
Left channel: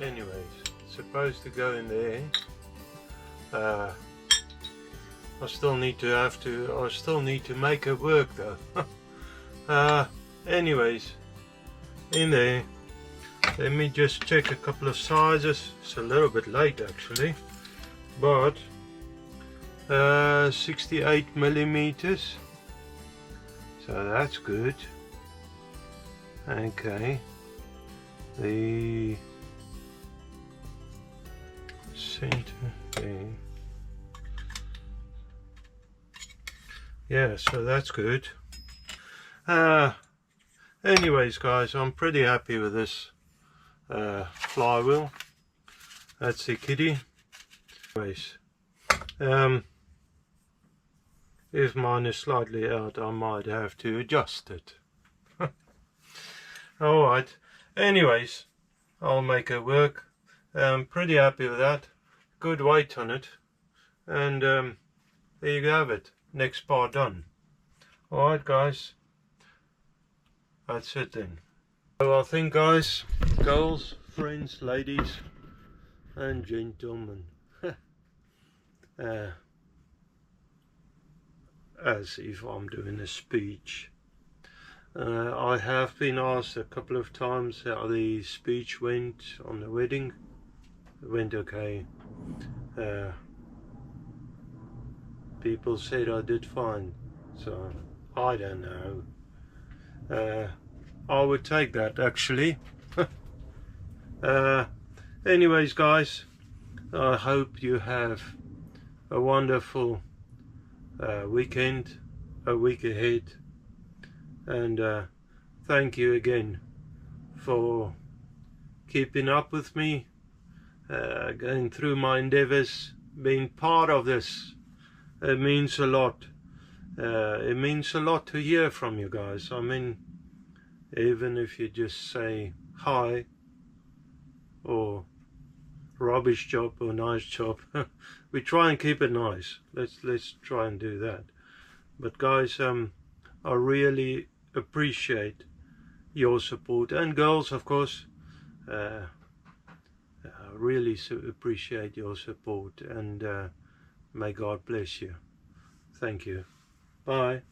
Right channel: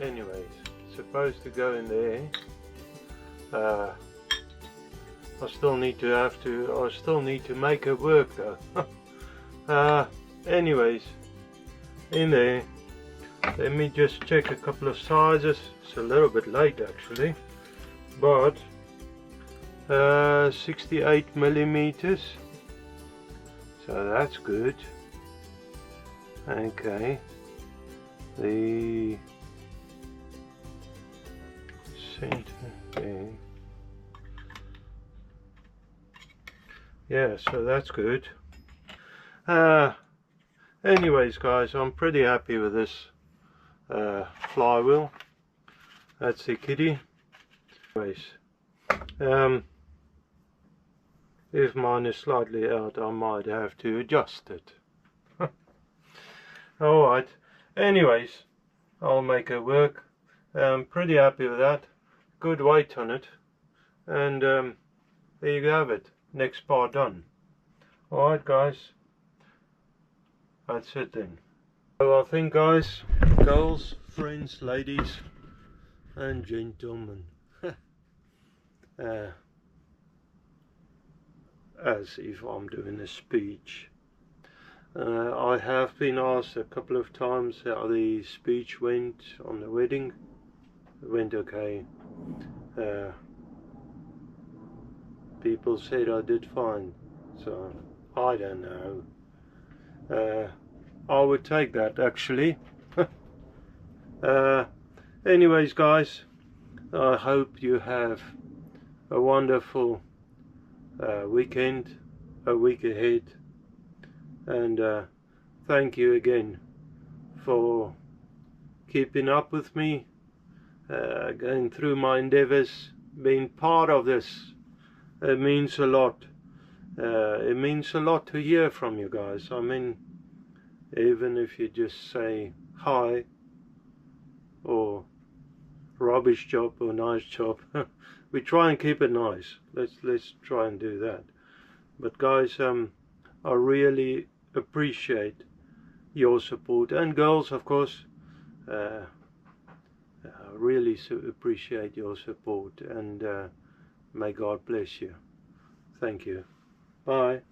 Anyways, it's supposed to go in there. I still need to make it work though. Anyways, in there, let me just check a couple of sizes. It's a little bit late actually, but 68 millimeters, so that's good. Okay, the center there. Yeah, so that's good. Anyways guys, I'm pretty happy with this flywheel. That's the kitty. Anyways, if mine is slightly out, I might have to adjust it. Alright, anyways, I'll make it work. Pretty happy with that. Good weight on it. And there you have it. Next part done. Alright guys, that's it then. So I think guys, girls, friends, ladies and gentlemen, as if I'm doing a speech. I have been asked a couple of times how the speech went on the wedding. It went okay. People said I did fine, so I don't know. I would take that actually. Anyways guys, I hope you have a wonderful weekend, a week ahead, and thank you again for keeping up with me, going through my endeavors, being part of this. It means a lot. It means a lot to hear from you guys. I mean, even if you just say hi or rubbish job or nice job, we try and keep it nice. Let's try and do that. But guys, I really appreciate your support, and girls of course. I really appreciate your support, and may God bless you. Thank you. Bye.